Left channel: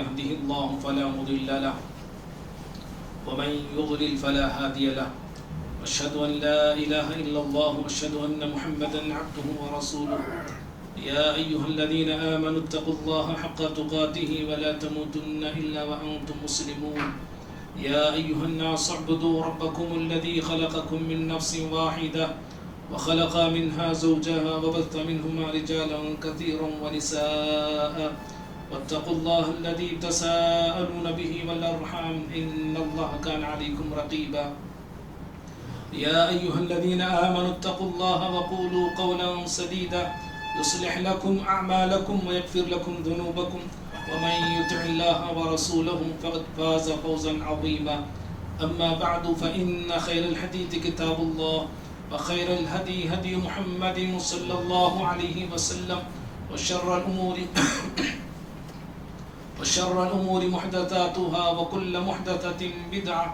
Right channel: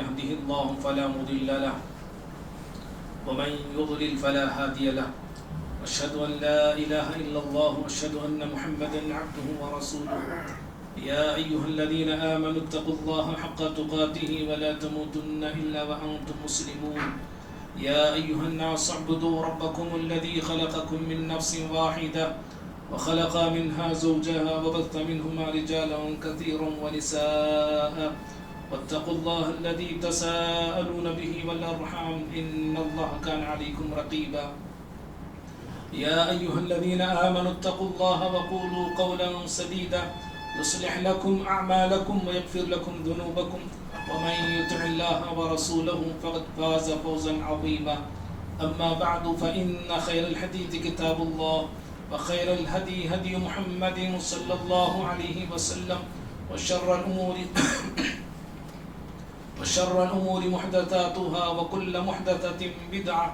يهده الله فلا مضل له ومن يضلل فلا هادي له أشهد أن لا إله إلا الله وأشهد أن محمدا عبده ورسوله يا أيها الذين آمنوا اتقوا الله حق تقاته ولا تموتن إلا وأنتم مسلمون يا أيها الناس اعبدوا ربكم الذي خلقكم من نفس واحدة وخلق منها زوجها وبث منهما رجالا كثيرا ونساء واتقوا الله الذي تساءلون به والأرحام إن الله كان عليكم رقيبا يا أيها الذين آمنوا اتقوا الله وقولوا قولا سديدا يصلح لكم أعمالكم ويغفر لكم ذنوبكم ومن يطع الله ورسوله فقد فاز فوزا عظيما أما بعد فإن خير الحديث كتاب الله وخير الهدي هدي محمد صلى الله عليه وسلم وشر الأمور محدثاتها وكل محدثة بدعة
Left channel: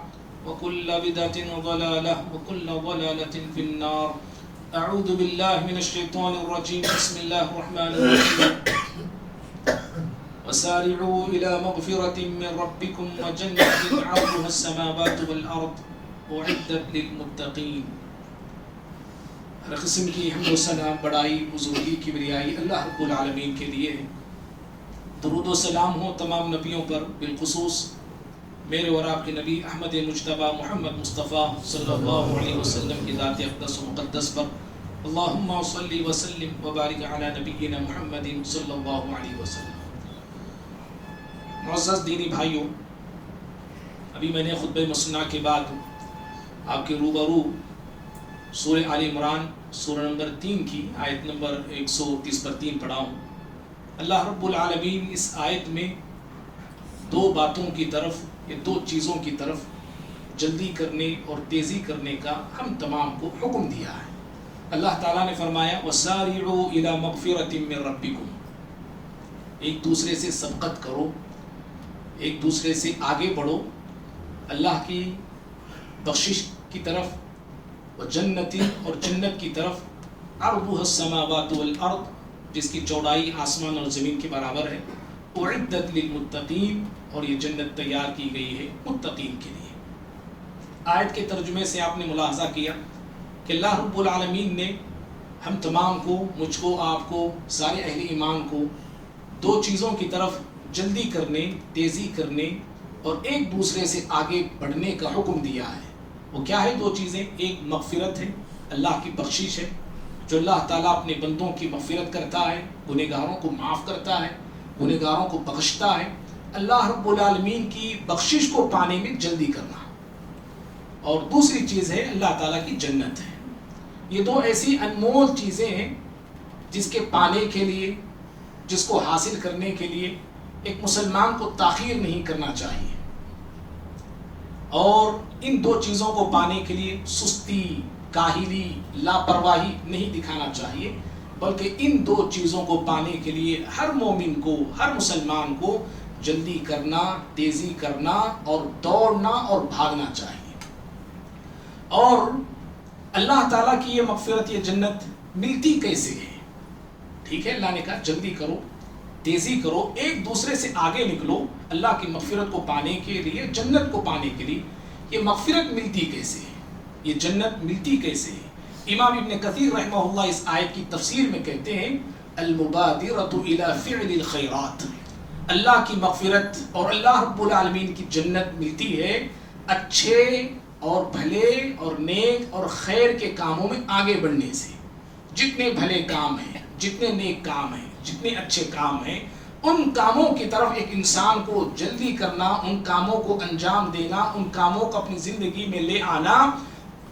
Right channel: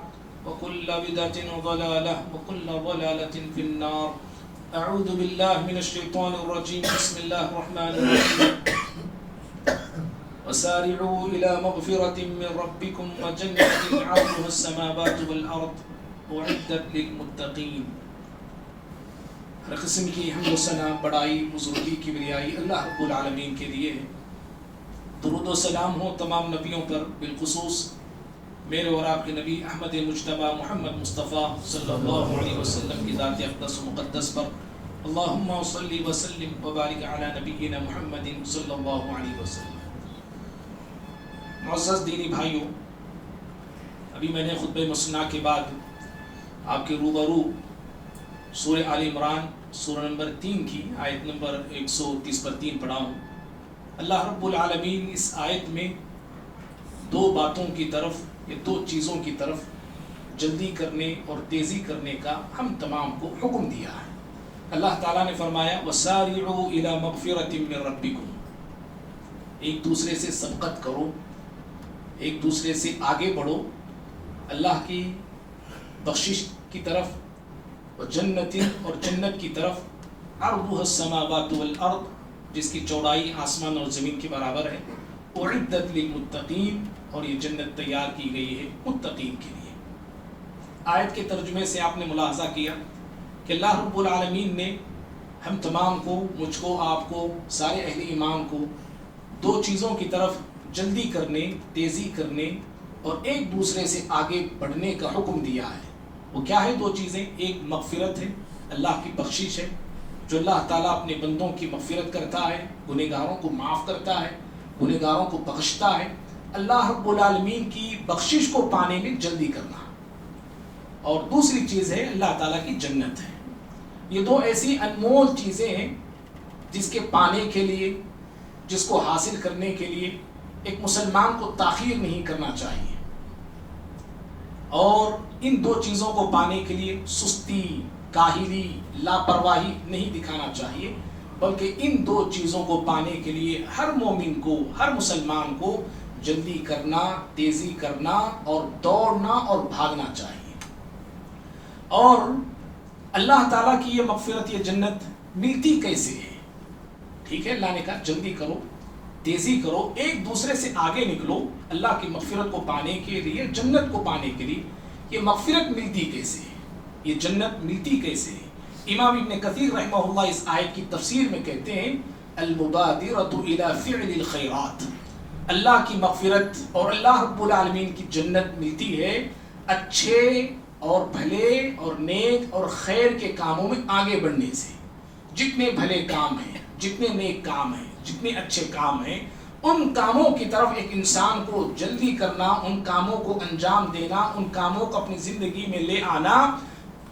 وكل بدعة ضلالة وكل ضلالة في النار أعوذ بالله من الشيطان الرجيم بسم الله الرحمن الرحيم وسارعوا إلى مغفرة من ربكم وجنة عرضها السماوات والأرض أعدت للمتقين. ہر قسم کی حمد و ثنا بڑائی بزرگی کبریائی اللہ رب العالمین کے لیے ہے. درود و سلام ہو تمام نبیوں پر، بالخصوص میرے اور آپ کے نبی احمد مجتبی محمد مصطفیٰ صلی اللہ علیہ وسلم کی ذات اقدس و مقدس پر. اللہم صلی وسلم وبارک علی نبینا محمد صلی اللہ علیہ وسلم. معزز دینی بھائیوں، ابھی میں نے خطبہ مسنہ کے بعد آپ کے روبرو سورہ آل عمران سورہ نمبر 3 کی آیت نمبر 130 پر 3 پڑھا ہوں. اللہ رب العالمین اس آیت میں دو باتوں کی طرف یا دو چیزوں کی طرف جلدی کرنے اور تیزی کرنے کا ہم تمام کو حکم دیا ہے. اللہ تعالیٰ نے فرمایا وَسَارِعُوا إِلَى مَغْفِرَةٍ مِّن رَبِّكُمْ، ایک دوسرے سے سبقت کرو، ایک دوسرے سے آگے بڑھو اللہ کی بخشش کی طرف، وجنت اور جنت کی طرف، عرضها السماوات والارض، جس کی چوڑائی آسمان اور زمین کے برابر ہے، اعدت للمتقین، اور یہ جنت تیار کی گئی ہے متقین کے لیے. آیت کے ترجمے سے آپ نے ملاحظہ کیا کہ اللہ رب العالمین نے ہم تمام کو، مجھ کو، آپ کو، سارے اہل ایمان کو دو چیزوں کی طرف جلدی کرنے، تیزی کرنے اور ایک دوسرے سے آگے بڑھنے کا حکم دیا ہے. وہ کیا ہے دو چیزیں؟ ایک مغفرت ہے، اللہ کی بخشش ہے، جو اللہ تعالیٰ اپنے بندوں کی مغفرت کرتا ہے، گنہگاروں کو معاف کرتا ہے، گنہگاروں کو بخشتا ہے. اللہ رب العالمین کی بخشش کو پانے میں جلدی کرنا. اور دوسری چیز ہے اللہ تعالیٰ کی جنت ہے. یہ دو ایسی انمول چیزیں ہیں جس کے پانے کے لیے، جس کو حاصل کرنے کے لیے ایک مسلمان کو تاخیر نہیں کرنا چاہیے، اور ان دو چیزوں کو پانے کے لیے سستی، کاہلی، لاپرواہی نہیں دکھانا چاہیے، بلکہ ان دو چیزوں کو پانے کے لیے ہر مومن کو، ہر مسلمان کو جلدی کرنا، تیزی کرنا اور دوڑنا اور بھاگنا چاہیے. اور اللہ تعالیٰ کی یہ مغفرت، یہ جنت ملتی کیسے ہے؟ ٹھیک ہے، اللہ نے کہا جلدی کرو، تیزی کرو، ایک دوسرے سے آگے نکلو اللہ کی مغفرت کو پانے کے لیے، جنت کو پانے کے لیے. یہ مغفرت ملتی کیسے ہے؟ یہ جنت ملتی کیسے ہے؟ امام ابن کثیر رحمہ اللہ اس آیت کی تفسیر میں کہتے ہیں المبادرۃ الی فعل الخیرات. اللہ کی مغفرت اور اللہ رب العالمین کی جنت ملتی ہے اچھے اور بھلے اور نیک اور خیر کے کاموں میں آگے بڑھنے سے. جتنے بھلے کام ہیں، جتنے نیک کام ہیں، جتنے اچھے کام ہیں، ان کاموں کی طرف ایک انسان کو جلدی کرنا، ان کاموں کو انجام دینا، ان کاموں کو اپنی زندگی میں لے آنا.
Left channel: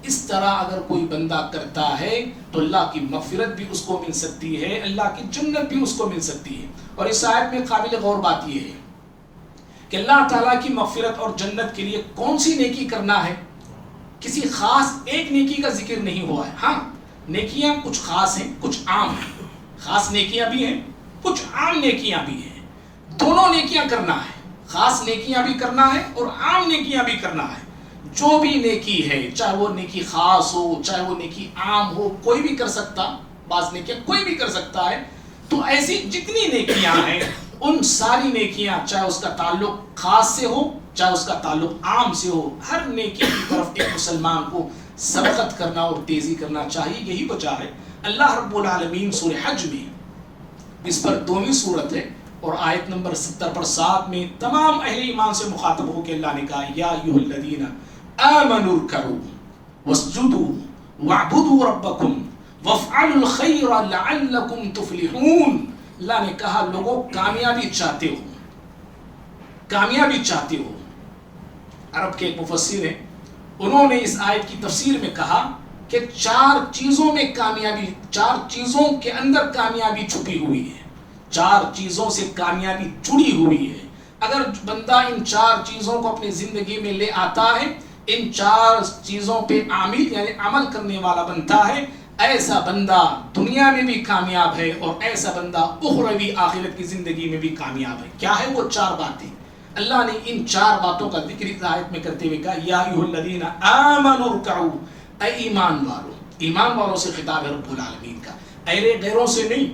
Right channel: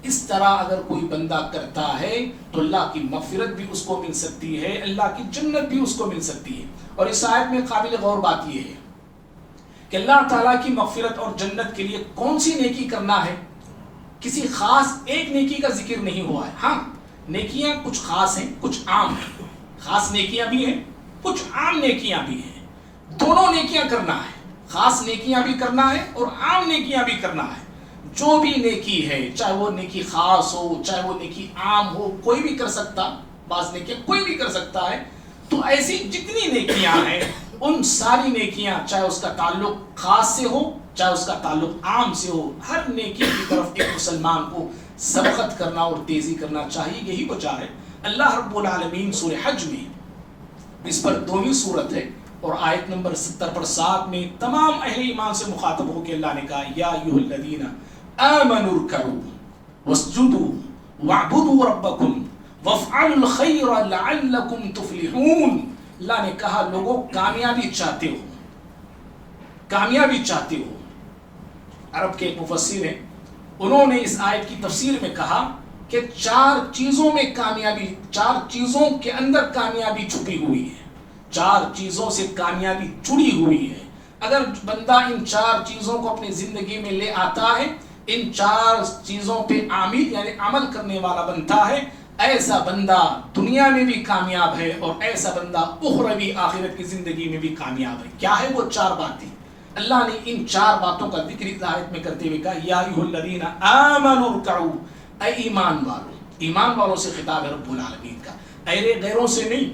اس طرح اگر کوئی بندہ کرتا ہے تو اللہ کی مغفرت بھی اس کو مل سکتی ہے، اللہ کی جنت بھی اس کو مل سکتی ہے. اور اس آیت میں قابل غور بات یہ ہے کہ اللہ تعالیٰ کی مغفرت اور جنت کے لیے کون سی نیکی کرنا ہے، کسی خاص ایک نیکی کا ذکر نہیں ہوا ہے. ہاں، نیکیاں کچھ خاص ہیں، کچھ عام ہیں. خاص نیکیاں بھی ہیں، کچھ عام نیکیاں بھی ہیں. دونوں نیکیاں کرنا ہے، خاص نیکیاں بھی کرنا ہے اور عام نیکیاں بھی کرنا ہے. جو بھی نیکی ہے، چاہے وہ نیکی خاص ہو، چاہے وہ نیکی عام ہو، کوئی بھی کر سکتا. بعض نیکیاں کوئی بھی کر سکتا ہے. تو ایسی جتنی نیکیاں ہیں ان ساری نیکیاں، چاہے اس کا تعلق خاص سے ہو چاہے اس کا تعلق عام سے ہو، ہر نیکی کی طرف ایک مسلمان کو سبقت کرنا اور تیزی کرنا چاہیے. یہی وجہ ہے اللہ رب العالمین سورہ حج میں، اس پر دومی صورت ہے اور آیت نمبر 70 پر 7 میں تمام اہل ایمان سے مخاطب ہو کے اللہ نے کہا یا ایھا الذین آمنوا ارکعوا واسجدوا واعبدوا ربکم وافعلوا الخیر لعلکم تفلحون. اللہ نے کہا لوگوں کامیابی چاہتے ہو، کامیابی چاہتے ہو. عرب کے ایک مفسر ہیں، انہوں نے اس آیت کی تفسیر میں کہا کہ 4 چیزوں میں کامیابی، 4 چیزوں کے اندر کامیابی چھپی ہوئی ہے، 4 چیزوں سے کامیابی جڑی ہوئی ہے. اگر بندہ ان 4 چیزوں کو اپنی زندگی میں لے آتا ہے، ان 4 چیزوں پہ عامل یعنی عمل کرنے والا بنتا ہے، ایسا بندہ دنیا میں بھی کامیاب ہے اور ایسا بندہ اخروی آخرت کی زندگی میں بھی کامیاب ہے. کیا ہے وہ 4 باتیں؟ اللہ نے ان 4 باتوں کا ذکر اس آیت میں کرتے ہوئے کہا یا ایھا الذین آمنوا ارکعوا، اے ایمان والو. ایمان والوں سے خطاب ہے رب العالمین کا، غیروں سے نہیں.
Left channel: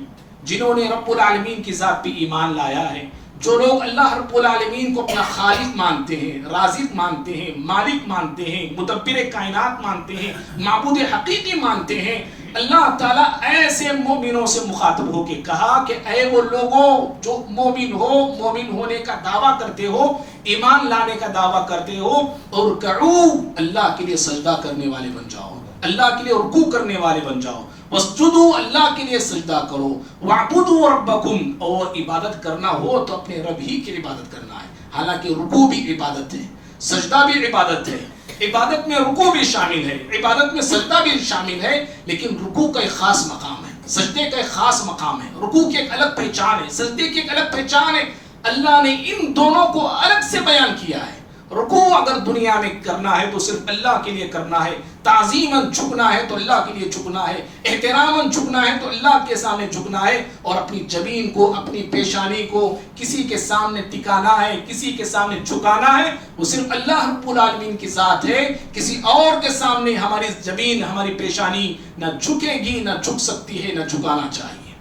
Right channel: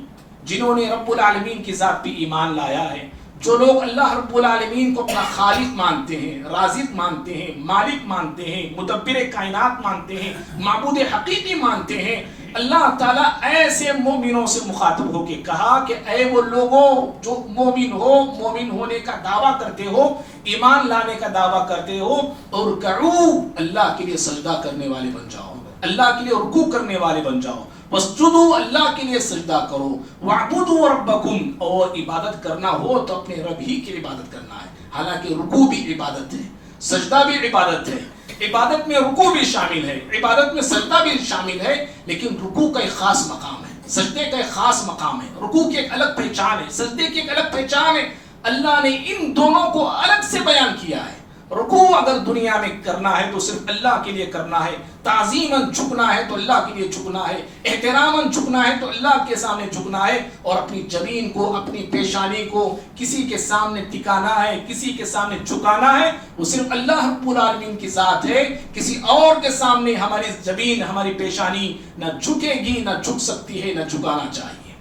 جنہوں نے رب العالمین کی ذات پہ ایمان لایا ہے، جو لوگ اللہ رب العالمین کو اپنا خالق مانتے ہیں، رازق مانتے ہیں، مالک مانتے ہیں، مدبر کائنات مانتے ہیں، معبود حقیقی مانتے ہیں، اللہ تعالیٰ ایسے مومنوں سے مخاطب ہو کے کہا کہ اے وہ لوگوں جو مومن ہو، مومن ہونے کا دعویٰ کرتے ہو، ایمان لانے کا دعویٰ کرتے ہو، ارکعوا، اللہ کے لیے سجدہ کرنے والے بن جاؤ، اللہ کے لیے رکوع کرنے والے بن جاؤ. واسجدوا، اللہ کے لیے سجدہ کرو. واعبدوا ربکم، اور عبادت کرنا ہو تو اپنے رب ہی کی عبادت کرنا ہے. حالانکہ رکوع بھی عبادت ہے، سجدہ بھی عبادت ہے، عبادت میں رکوع بھی شامل ہے، عبادت میں سجدہ بھی شامل ہے، لیکن رکوع کا ایک خاص مقام ہے، سجدے کا ایک خاص مقام ہے. رکوع کی ایک الگ پہچان ہے، سجدے کی ایک الگ پہچان ہے. اللہ نے ان دونوں کو الگ سے بیان کیا ہے. رکوع اگر دنیا میں کرنا ہے تو صرف اللہ کے لیے کرنا ہے، تعظیماً جھکنا ہے تو اللہ کے لیے جھکنا ہے، احتراماً جھکنا ہے تو اللہ کے سامنے جھکنا ہے، اور اپنی جبین کو، اپنی پیشانی کو کسی کے سامنے ٹکانا ہے، کسی کے سامنے جھکانا ہے، وہ صرف اللہ رب العالمین کی ذات ہے. کسی اور کے سامنے ہماری جبین، ہماری پیشانی نہ جھکے گی، نہ جھک سکتی ہے، نہ جھکانا چاہیے.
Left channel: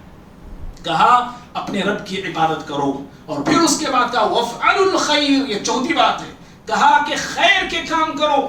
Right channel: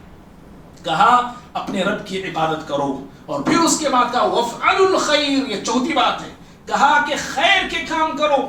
کہا اپنے رب کی عبادت کرو، اور پھر اس کے بعد کہا وَافْعَلُوا الْخَيْرَ، یہ 4تھی بات ہے. کہا کہ خیر کے کام کرو،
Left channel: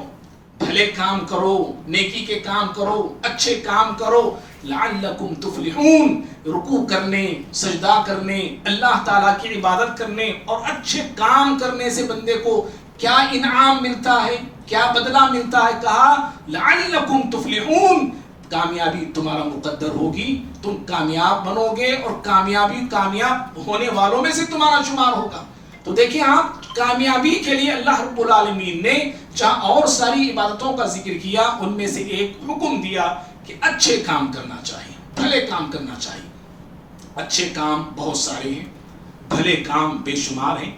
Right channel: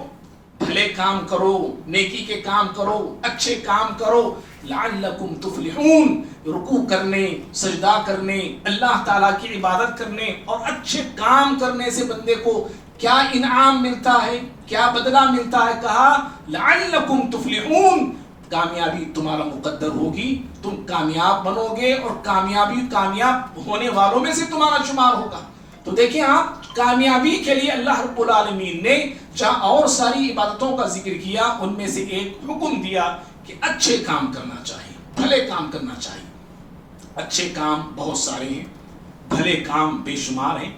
بھلے کام کرو، نیکی کے کام کرو، اچھے کام کرو، لعلکم تفلحون. رکوع کرنے، سجدہ کرنے، اللہ تعالیٰ کی عبادت کرنے اور اچھے کام کرنے سے بندے کو کیا انعام ملتا ہے، کیا بدلہ ملتا ہے؟ کہا لعلکم تفلحون، کامیابی تمہارا مقدر ہوگی، تم کامیاب بنو گے اور کامیاب ہونے والوں میں سے تمہارا شمار ہوگا. تو دیکھیں آپ، کامیابی کے لیے اللہ رب العالمین نے جہاں اور ساری عبادتوں کا ذکر کیا، ان میں سے ایک حکم دیا کہ اچھے کام کرنا چاہیے، بھلے کام کرنا چاہیے. اچھے کام بہت سارے ہیں، بھلے کام بے شمار ہیں،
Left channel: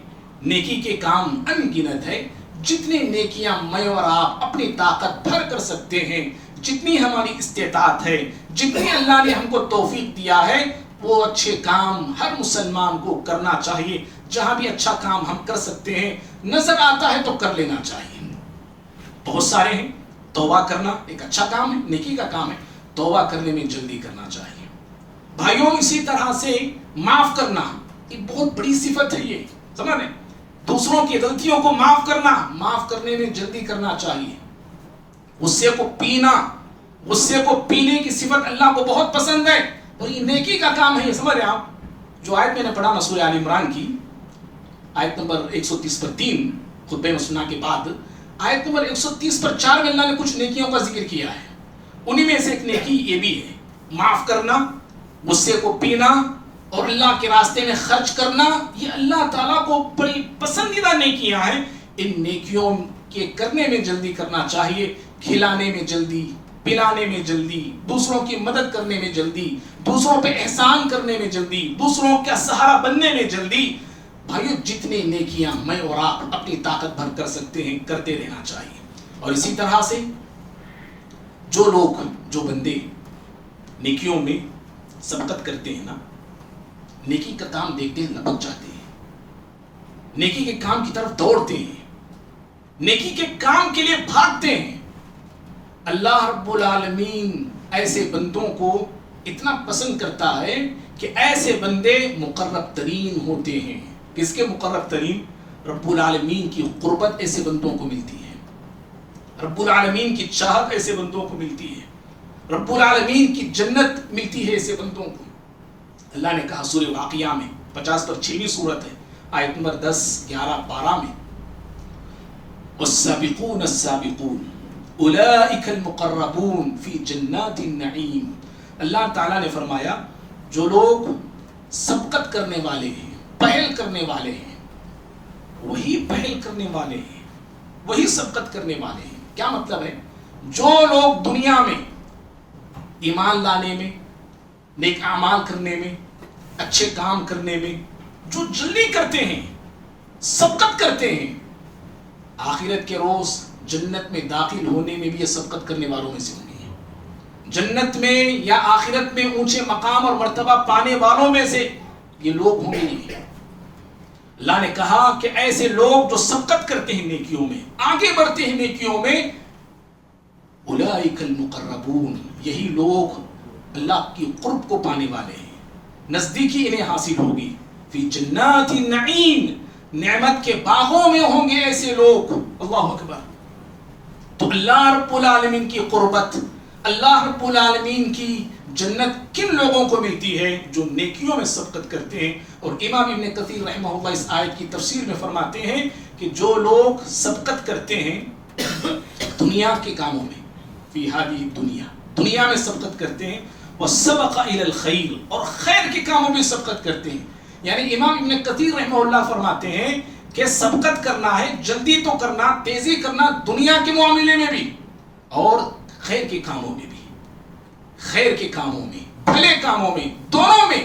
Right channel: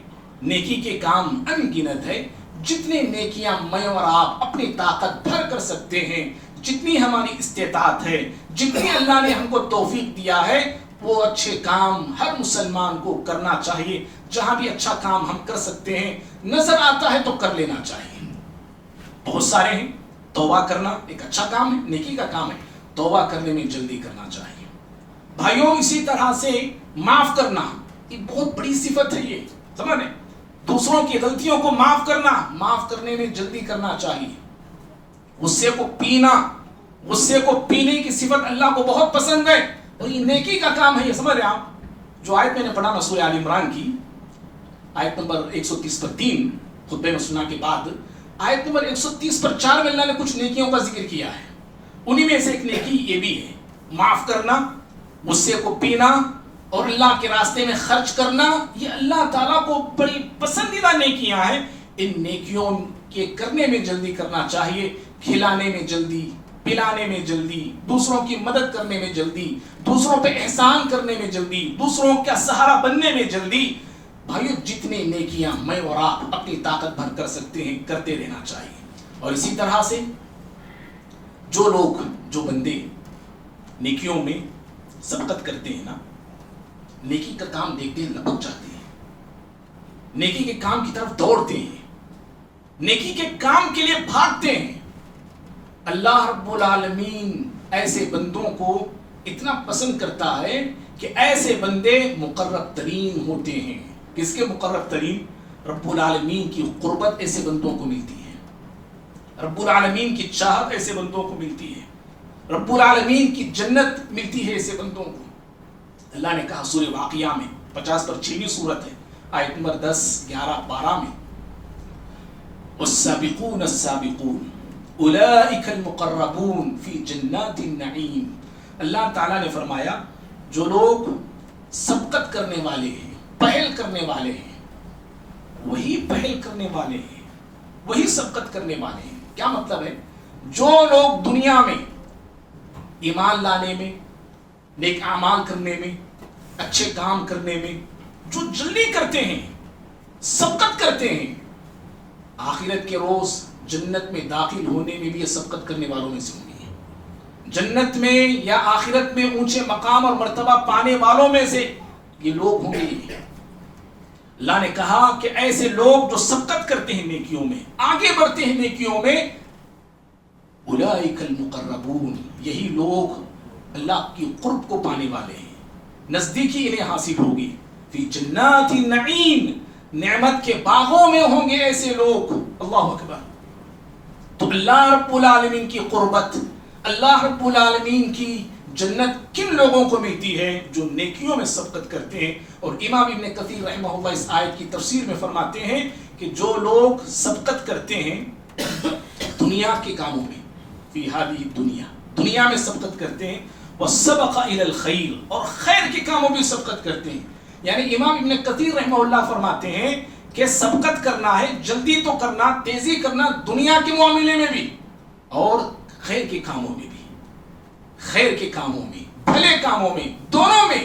نیکی کے کام ان گنت ہے. جتنی نیکیاں میں اور آپ اپنی طاقت بھر کر سکتے ہیں، جتنی ہماری استطاعت ہے، جتنی اللہ نے ہم کو توفیق دیا ہے، وہ اچھے کام ہر مسلمان کو کرنا چاہیے. جہاں بھی اچھا کام ہم کر سکتے ہیں، نظر آتا ہے تو کر لینا چاہیے. بہت سارے ہیں. توبہ کرنا ایک اچھا کام ہے، نیکی کا کام ہے، توبہ کرنے میں جلدی کرنا چاہیے. بھائیوں اسی طرح سے معاف کرنا، یہ بہت بڑی صفت ہے. یہ سمجھ رہے ہیں؟ دوسروں کی غلطیوں کو معاف کرنا، معاف کرنے میں جلدی کرنا چاہیے. غصے کو پینا، غصے کو پینے کی صفت اللہ کو بہت پسند ہے اور یہ نیکی کا کام ہے. یہ سمجھ رہے ہیں آپ؟ جو آیت میں نے پڑھا نا سورہ آل عمران کی آیت نمبر 130 پر 3 خطبے میں سنا کے بعد، آیت نمبر 130 پر 4 میں اللہ نے کچھ نیکیوں کا ذکر کیا ہے. انہی میں سے ایک نیکی یہ بھی ہے، معاف کرنا، غصے کو پینا اور اللہ کے راستے میں خرچ کرنا. یہ اللہ تعالیٰ کو بڑی پسندیدہ نیکیاں ہیں. ان نیکیوں کے کرنے میں جلدی کرنا چاہیے. کھلانے میں جلدی، پلانے میں جلدی، دوسروں کی مدد کرنے میں جلدی، دوسروں پہ احسان کرنے میں جلدی، دوسروں کا سہارا بننے میں جلدی. بھائیو جتنے نیکیاں میں اور آپ اپنی طاقت بھر کر سکتے ہیں کرتے رہنا چاہیے. اور اسی طرح سے جو لوگ، جو بندے نیکیوں میں سبقت کرتے ہیں نا، نیکی کا کام دیکھتے ہیں لپک جاتے ہیں، نیکی کے کام کی طرف دوڑتے ہیں، نیکی کے کام کے لیے بھاگتے ہیں. اللہ رب العالمین ایسے بندوں کو اتنا پسند کرتا ہے کہ ایسے بندے مقرب ترین ہوتے ہیں. کس کے مقرب ترین؟ رب العالمین کی قربت ایسے بندوں کو ملتی ہے، رب العالمین کی چاہت ایسے بندوں کو ملتی ہے، رب العالمین کی جنت ملتی ہے ایسے بندوں کو. اللہ نے کہا سورہ واقعہ میں 50 پر 6ویں سورت ہے، آیت نمبر 10، 11، 12 میں، والسابقون السابقون اولئک المقربون فی جنات النعیم. اللہ تعالیٰ نے فرمایا جو لوگ سبقت کرنے والے ہیں، پہل کرنے والے ہیں، وہی پہل کرنے والے ہیں، وہی سبقت کرنے والے ہیں. کیا مطلب ہے؟ جو لوگ دنیا میں ایمان لانے میں، نیک اعمال کرنے میں، اچھے کام کرنے میں جو جلدی کرتے ہیں، سبقت کرتے ہیں، آخرت کے روز جنت میں داخل ہونے میں بھی یہ سبقت کرنے والوں میں سے ہوں گے. جنت میں یا آخرت میں اونچے مقام اور مرتبہ پانے والوں میں سے یہ لوگ ہوں گے. اللہ نے کہا کہ ایسے لوگ جو سبقت کرتے ہیں نیکیوں میں، آگے بڑھتے ہیں نیکیوں میں، اولئک المقربون، یہی لوگ اللہ کی قرب کو پانے والے ہیں، نزدیکی انہیں حاصل ہوگی. فی جنات النعیم، نعمت کے باغوں میں ہوں گے ایسے لوگ. اللہ اکبر. تو اللہ رب العالمین کی قربت، اللہ رب العالمین کی جنت کن لوگوں کو ملتی ہے؟ جو نیکیوں میں سبقت کرتے ہیں. اور امام ابن کثیر رحمہ اللہ اس آیت کی تفسیر میں فرماتے ہیں کہ جو لوگ سبقت کرتے ہیں دنیا کے کاموں میں، فی ہذہ الدنیا، دنیا میں سبقت کرتے ہیں، وسبق الی الخیر، اور خیر کے کاموں میں سبقت کرتے ہیں. یعنی امام ابن کثیر رحمہ اللہ فرماتے ہیں کہ سبقت کرنا ہے، جلدی تو کرنا، تیزی کرنا دنیا کے معاملے میں بھی اور خیر کے کاموں میں بھی، خیر کے کاموں میں، بھلے کاموں میں، دونوں میں.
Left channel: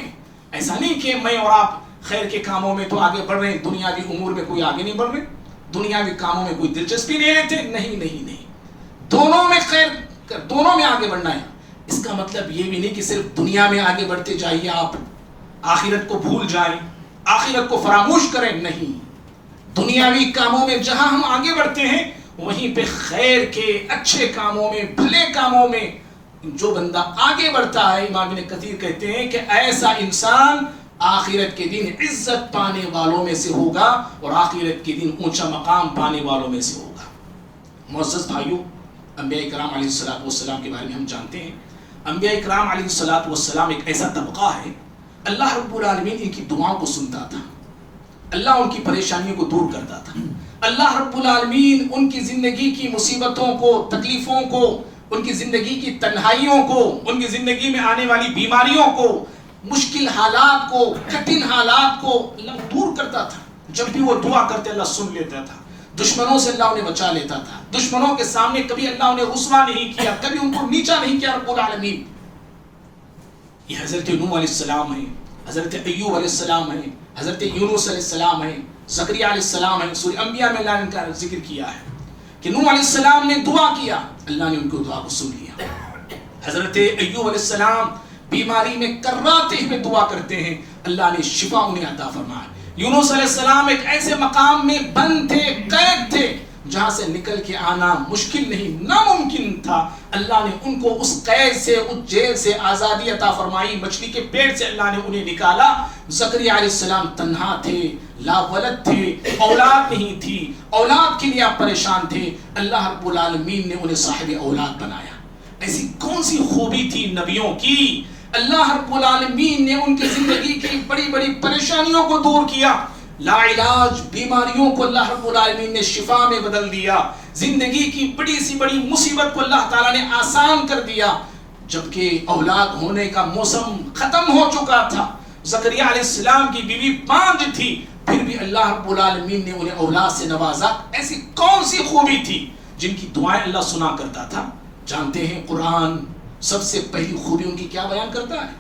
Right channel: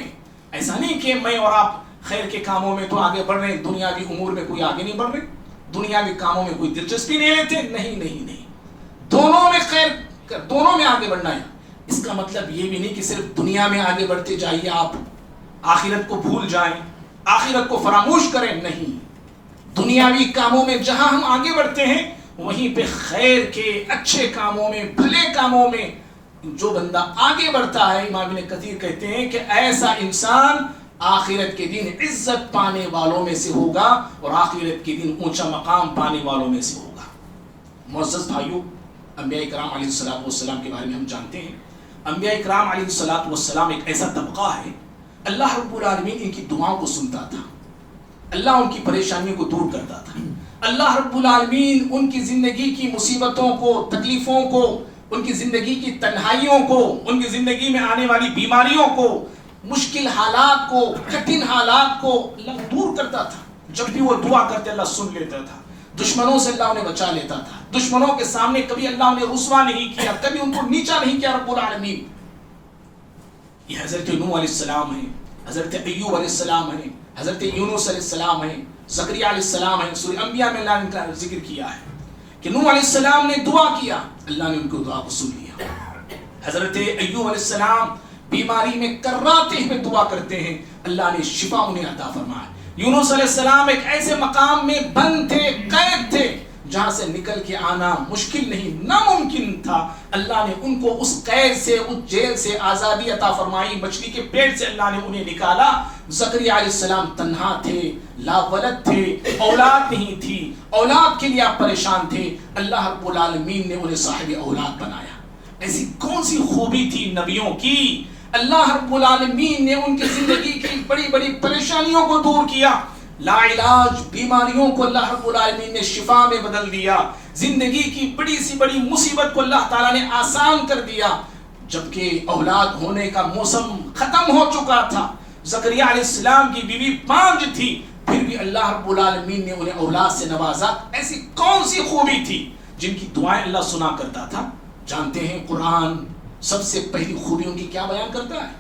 ایسا نہیں کہ میں اور آپ خیر کے کاموں میں تو آگے بڑھ رہے ہیں، دنیاوی امور میں کوئی آگے نہیں بڑھ رہے، دنیاوی کاموں میں کوئی دلچسپی نہیں لیتے. نہیں، دونوں میں خیر، دونوں میں آگے بڑھنا ہے. اس کا مطلب یہ بھی نہیں کہ صرف دنیا میں آگے بڑھتے جائیے آپ، آخرت کو بھول جائیں، آخرت کو فراموش کریں. نہیں، دنیاوی کاموں میں جہاں ہم آگے بڑھتے ہیں وہیں پہ خیر کے اچھے کاموں میں، بھلے کاموں میں جو بندہ آگے بڑھتا ہے، امام ابن کثیر کہتے ہیں کہ ایسا انسان آخرت کے دن عزت پانے والوں میں سے ہوگا اور آخرت کے دن اونچا مقام پانے والوں میں سے ہوگا. معزز بھائیو، انبیاء کرام علیہ الصلوۃ والسلام کے بارے میں ہم جانتے ہیں. انبیاء کرام علیہ الصلوۃ والسلام ایک ایسا طبقہ ہے، اللہ رب العالمین ان کی دعاؤں کو سنتا تھا، اللہ ان کی پریشانیوں کو دور کرتا تھا. اللہ رب العالمین ان کی زندگی کی مصیبتوں کو، تکلیفوں کو، ان کی زندگی کی تنہائیوں کو، ان کی زندگی میں آنے والی بیماریوں کو، مشکل حالات کو، کٹھن حالات کو اللہ دور کرتا تھا. جب بھی وہ دعا کرتے اللہ سن لیتا تھا. دشمنوں سے اللہ انہیں بچا لیتا تھا. دشمنوں کے سامنے کبھی اللہ انہیں رسوا نہیں کیا، کبھی ان کو نیچا نہیں کیا رب العالمین. یہ حضرت نوح علیہ السلام ہیں، حضرت ایوب علیہ السلام ہیں، حضرت یونس علیہ السلام ہیں، زکریا علیہ السلام ہیں. سورہ انبیاء میں اللہ نے ان کا ذکر کیا ہے کہ نوح علیہ السلام نے دعا کیا، اللہ نے ان کو دعا کو سن لیا. حضرت ایوب علیہ السلام بیماری میں کراتے ہوئے دعا کرتے ہیں، اللہ نے شفا انہیں عطا فرمایا. یونس علیہ السلام ایک ایسے مقام میں بند تھے، قید تھے، جہاں سے نکل کے آنا مشکل نہیں، ناممکن تھا. اللہ نے ان کو اس قید سے، اس جیل سے آزادی عطا فرمائی. مچھلی کے پیٹ سے اللہ نے انہیں نکالا. زکریا علیہ السلام تنہا تھے، لا ولد تھے، اولاد نہیں تھی، اولاد کے لیے آپ پریشان تھے. اللہ رب العالمین نے انہیں صاحب اولاد بنایا. ایسی کون سی خوبی تھی نبیوں کی؟ اللہ رب العالمین نے ان کی زندگی کی بڑی بڑی پریشانیوں کو دور کیا. لا علاج بیماریوں کو اللہ رب العالمین نے شفا میں بدل دیا. زندگی کی بڑی سی بڑی مصیبت کو اللہ تعالیٰ نے آسان کر دیا. جبکہ اولاد ہونے کا موسم ختم ہو چکا تھا، زکریا علیہ السلام کی بیوی بانجھ تھی، پھر بھی اللہ رب العالمین نے انہیں اولاد سے نوازا. ایسی کون سی خوبی تھی جن کی دعائیں اللہ سنا کرتا تھا؟ جانتے ہیں قرآن سب سے پہلی خوبی ان کی کیا بیان کرتا ہے؟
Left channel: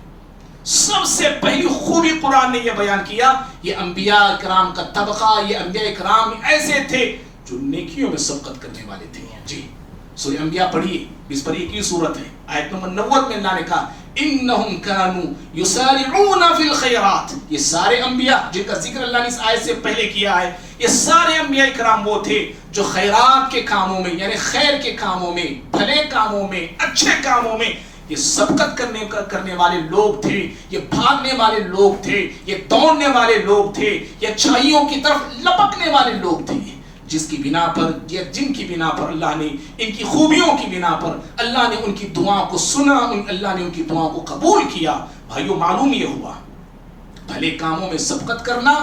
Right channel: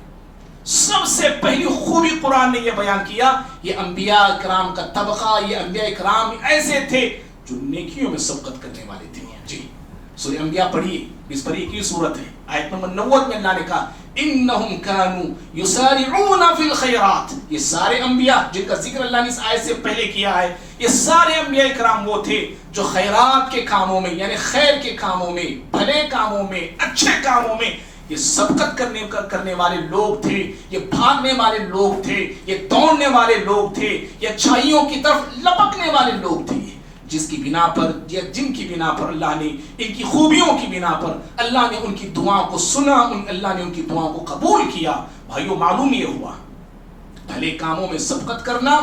سب سے پہلی خوبی قرآن نے یہ بیان کیا، یہ انبیاء کرام کا طبقہ، یہ انبیاء کرام ایسے تھے جو نیکیوں میں سبقت کرنے والے تھے. جی سورہ انبیاء پڑھیے، اس پر ایک ہی سورت ہے، آیت نمبر 90 میں اللہ نے کہا انہم کانوا یسارعون فی الخیرات. یہ سارے انبیاء جن کا ذکر اللہ نے اس آیت سے پہلے کیا ہے، یہ سارے انبیاء کرام وہ تھے جو خیرات کے کاموں میں، یعنی خیر کے کاموں میں، بھلے کاموں میں، اچھے کاموں میں یہ سبقت کرنے والے لوگ تھے، یہ بھاگنے والے لوگ تھے، یہ دوڑنے والے لوگ تھے، یہ اچھائیوں کی طرف لپکنے والے لوگ تھے، جس کی بنا پر یا جن کی بنا پر اللہ نے ان کی خوبیوں کی بنا پر اللہ نے ان کی دعا کو سنا، اللہ نے ان کی دعا کو قبول کیا۔ بھائیو، معلوم یہ ہوا بھلے کاموں میں سبقت کرنا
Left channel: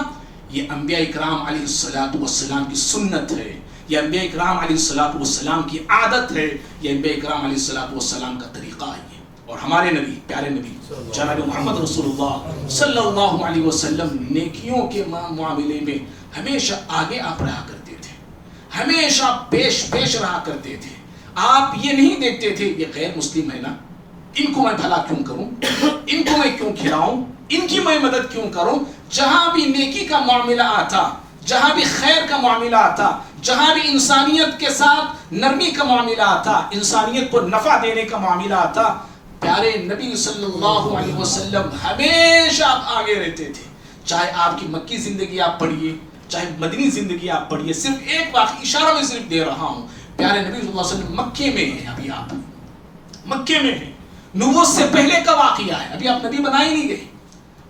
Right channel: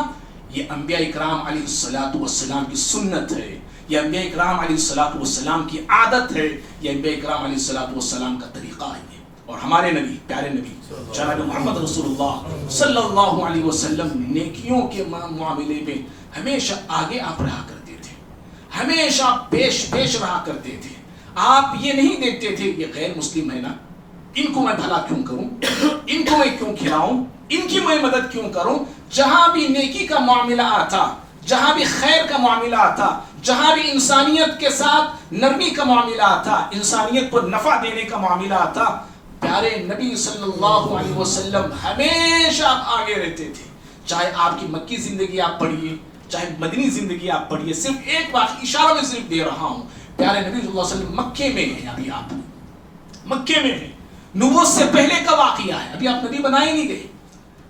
یہ انبیاء اکرام علیہ السلام کی سنت ہے، یہ انبیاء اکرام علیہ السلام کی عادت ہے، یہ انبیاء اکرام علیہ السلام کا طریقہ ہے۔ اور ہمارے نبی، پیارے نبی جناب محمد رسول اللہ صلی اللہ علیہ وسلم نیکیوں کے معاملے میں ہمیشہ آگے آپ رہا کرتے تھے، ہمیشہ پیش رہا کرتے تھے۔ آپ یہ نہیں دیکھتے تھے یہ غیر مسلم ہے نا، ان کو میں بھلا کیوں کروں، ان کو میں کیوں کھلاؤں، ان کی میں مدد کیوں کروں۔ جہاں بھی نیکی کا معاملہ آتا، جہاں بھی خیر کا معاملہ آتا، جہاں بھی انسانیت کے ساتھ نرمی کا معاملہ آتا، انسانیت کو نفع دینے کا معاملہ آتا، پیارے نبی صلی اللہ علیہ وسلم ہمیشہ آپ آگے رہتے تھے۔ چاہے آپ کی مکی زندگی آپ پڑھیے، چاہے مدنی زندگی آپ پڑھیے، صرف ایک واقعی اشارہ میں صرف دے رہا ہوں، پیارے نبی صلی اللہ علیہ وسلم مکے میں ہیں، ابھی آپ مکے میں ہیں، نبوت سے پہلے کا واقعہ ہے، ابھی آپ نبی بنائے نہیں گئے،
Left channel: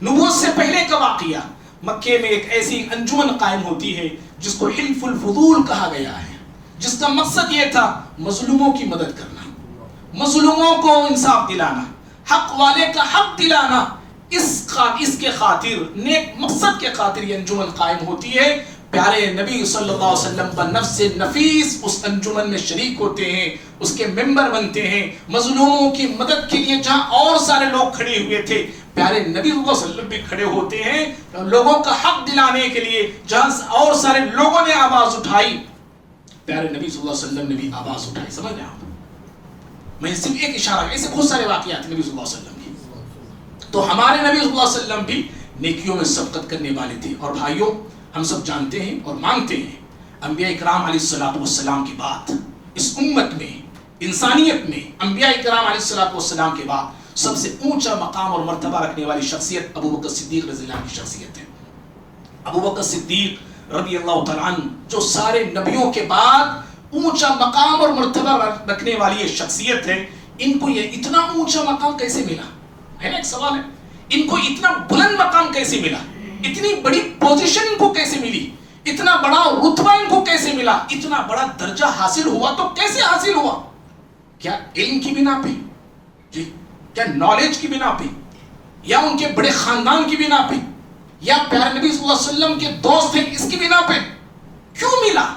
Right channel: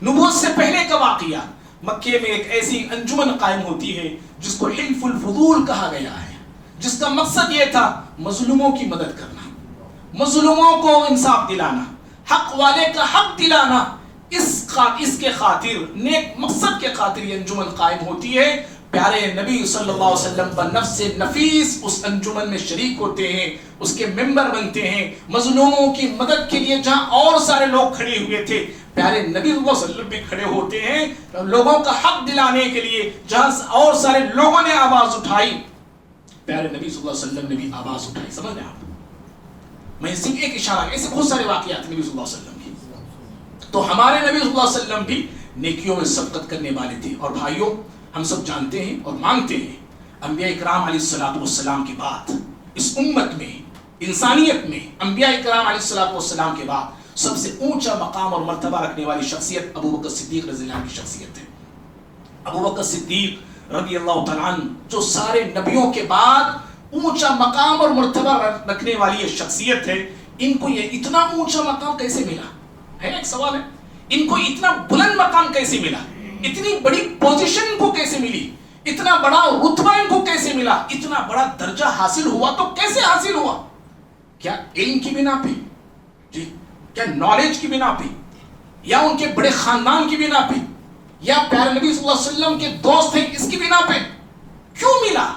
نبوت سے پہلے کا واقعہ۔ مکے میں ایک ایسی انجمن قائم ہوتی ہے جس کو حلف الفضول کہا گیا ہے، جس کا مقصد یہ تھا مظلوموں کی مدد کرنا، مظلوموں کو انصاف دلانا، حق والے کا حق دلانا۔ اس کے خاطر، نیک مقصد کے خاطر یہ انجمن قائم ہوتی ہے۔ پیارے نبی صلی اللہ علیہ وسلم بنفس نفیس اس انجمن میں شریک ہوتے ہیں، اس کے ممبر بنتے ہیں۔ مظلوموں کی مدد کے لیے جہاں اور سارے لوگ کھڑے ہوئے تھے، پیارے نبی صلی اللہ علیہ وسلم بھی کھڑے ہوتے ہیں لوگوں کا حق دلانے کے لیے۔ جہاں اور سارے لوگوں نے آواز اٹھائی، پیارے نبی صلی اللہ علیہ وسلم نے بھی آواز اٹھائی۔ سمجھ رہے آپ؟ میں صرف ایک اشارہ، ایسے بہت سارے واقعات نبی صلی اللہ علیہ وسلم کی۔ تو ہمارے نبی صلی اللہ علیہ وسلم بھی نیکیوں میں سبقت کرنے والے تھے۔ اور بھائیوں، ہم سب جانتے ہیں اور مانتے ہیں انبیاء اکرام علیہ السلام کی بات اس امت میں، انسانیت میں، انبیاء اکرام علیہ السلام کے بعد سب سے اونچا مقام اور مرتبہ رکھنے والی شخصیت ابو بکر صدیق رضی اللہ عنہ کی شخصیت ہے۔ ابو بکر صدیق رضی اللہ تعالیٰ عنہ جو سارے نبیوں کے بعد اونچا مقام اور مرتبہ رکھنے والی یہ شخصیت ہے، ان کو یہ اتنا اونچا مقام کیسے ملا ہے؟ ایک سوال ہے، ان کو اتنا بلند مقام کیسے ملا؟ اتنی بڑی پوزیشن کو کیسے ملی؟ اتنا بڑا رتبہ ان کو کیسے ملا؟ اتنا بڑا درجہ حاصل ہوا تو کیسے حاصل ہوا؟ کیا علم کی بنا پہ؟ جی، کیا نالج کی بنا پہ، یا ان کے بڑے خاندان کی بنا پہ، یا پیارے نبی صلی اللہ علیہ وسلم کے دوست ہیں اس کی بنا پہ؟ کیوں ملا؟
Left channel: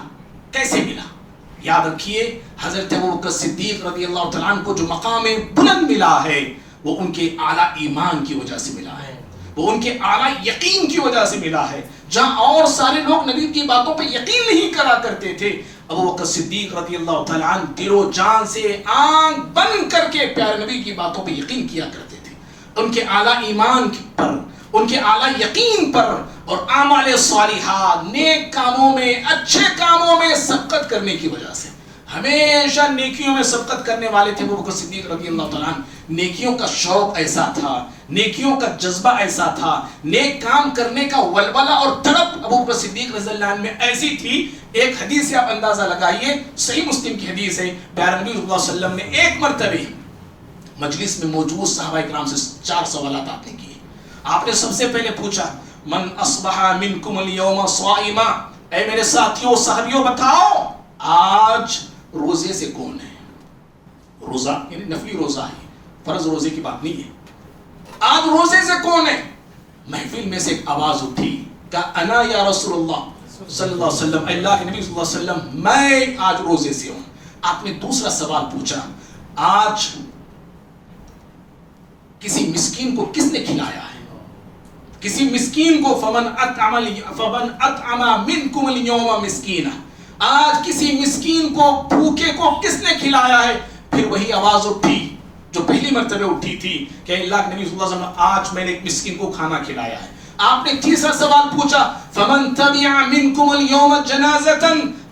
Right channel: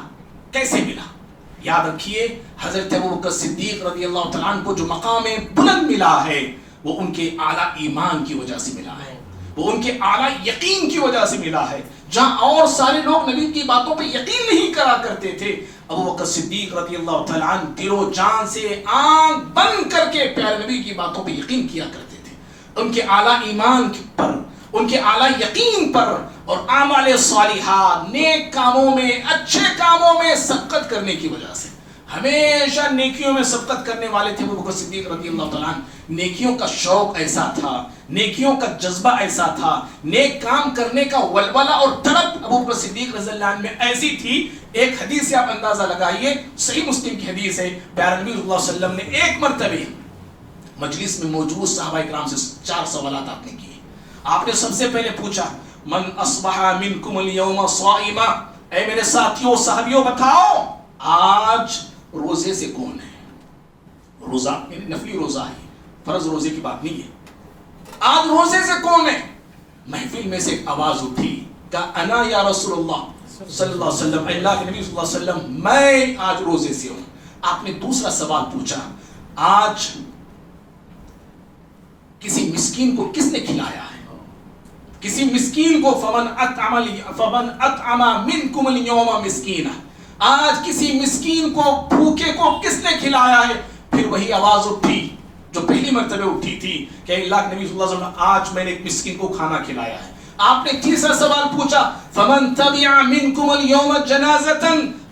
کیسے ملا؟ یاد رکھیے، حضرت ابو بکر صدیق رضی اللہ تعالیٰ عنہ کو جو مقام بلند ملا ہے وہ ان کے اعلیٰ ایمان کی وجہ سے ملا ہے، وہ ان کے اعلیٰ یقین کی وجہ سے ملا ہے۔ جہاں اور سارے لوگ نبی کی باتوں پہ یقین نہیں کرا کرتے تھے، ابو بکر صدیق رضی اللہ تعالیٰ عنہ دل و جان سے آنکھ بند کر کے پیارے نبی کی باتوں پہ یقین کیا کرتے تھے۔ ان کے اعلیٰ ایمان پر، ان کے اعلیٰ یقین پر اور اعمال صالحات، نیک کاموں میں، اچھے کاموں میں سبقت کرنے کی وجہ سے ہمیشہ نیکیوں میں سبقت کرنے والے تھے ابو بکر صدیق رضی اللہ تعالیٰ عنہ۔ نیکیوں کا شوق ایسا تھا، نیکیوں کا جذبہ ایسا تھا، نیک کام کرنے کا ولولہ اور تڑپ ابو بکر صدیق رضی اللہ عنہ میں ایسی تھی۔ ایک حدیث سے آپ اندازہ لگائیے، صحیح مسلم کی حدیث ہے، پیارے نبی صلی اللہ علیہ وسلم نے ایک مرتبہ مجلس میں موجود صحابہ کرام سے 4 سوالات آپ نے کیے۔ آپ نے سب سے پہلے پوچھا، من اصبح منکم اليوم صائما، اے میرے ساتھیوں صحابیوں بتاؤ آج روزے سے کون ہے؟ روزہ یعنی نفلی روزہ ہے، فرض روزے کی بات نہیں ہے۔ آج روزے سے کون ہے؟ محفل میں سے ایک آواز اٹھی، کہا انا یا رسول اللہ صلی اللہ علیہ وسلم، اللہ کے نبی صلی اللہ علیہ وسلم میں آج روزے سے ہوں۔ آپ نے دوسرا سوال پوچھا، آج کسی مسکین کو کس نے کھلایا ہے؟ کسی مسکین کو فمن اطعم منکم اليوم مسکینا، آج کسی مسکین کو، بھوکے کو کس نے کھلایا ہے؟ پھر وہی آواز اٹھی جو پہلی مرتبہ اٹھی تھی کہ اللہ کے نبی صلی اللہ علیہ وسلم آج میں نے ایک مسکین کو کھانا کھلایا ہے۔ آپ نے تیسرا سوال پوچھا، فمن تبع منکم اليوم جنازۃ،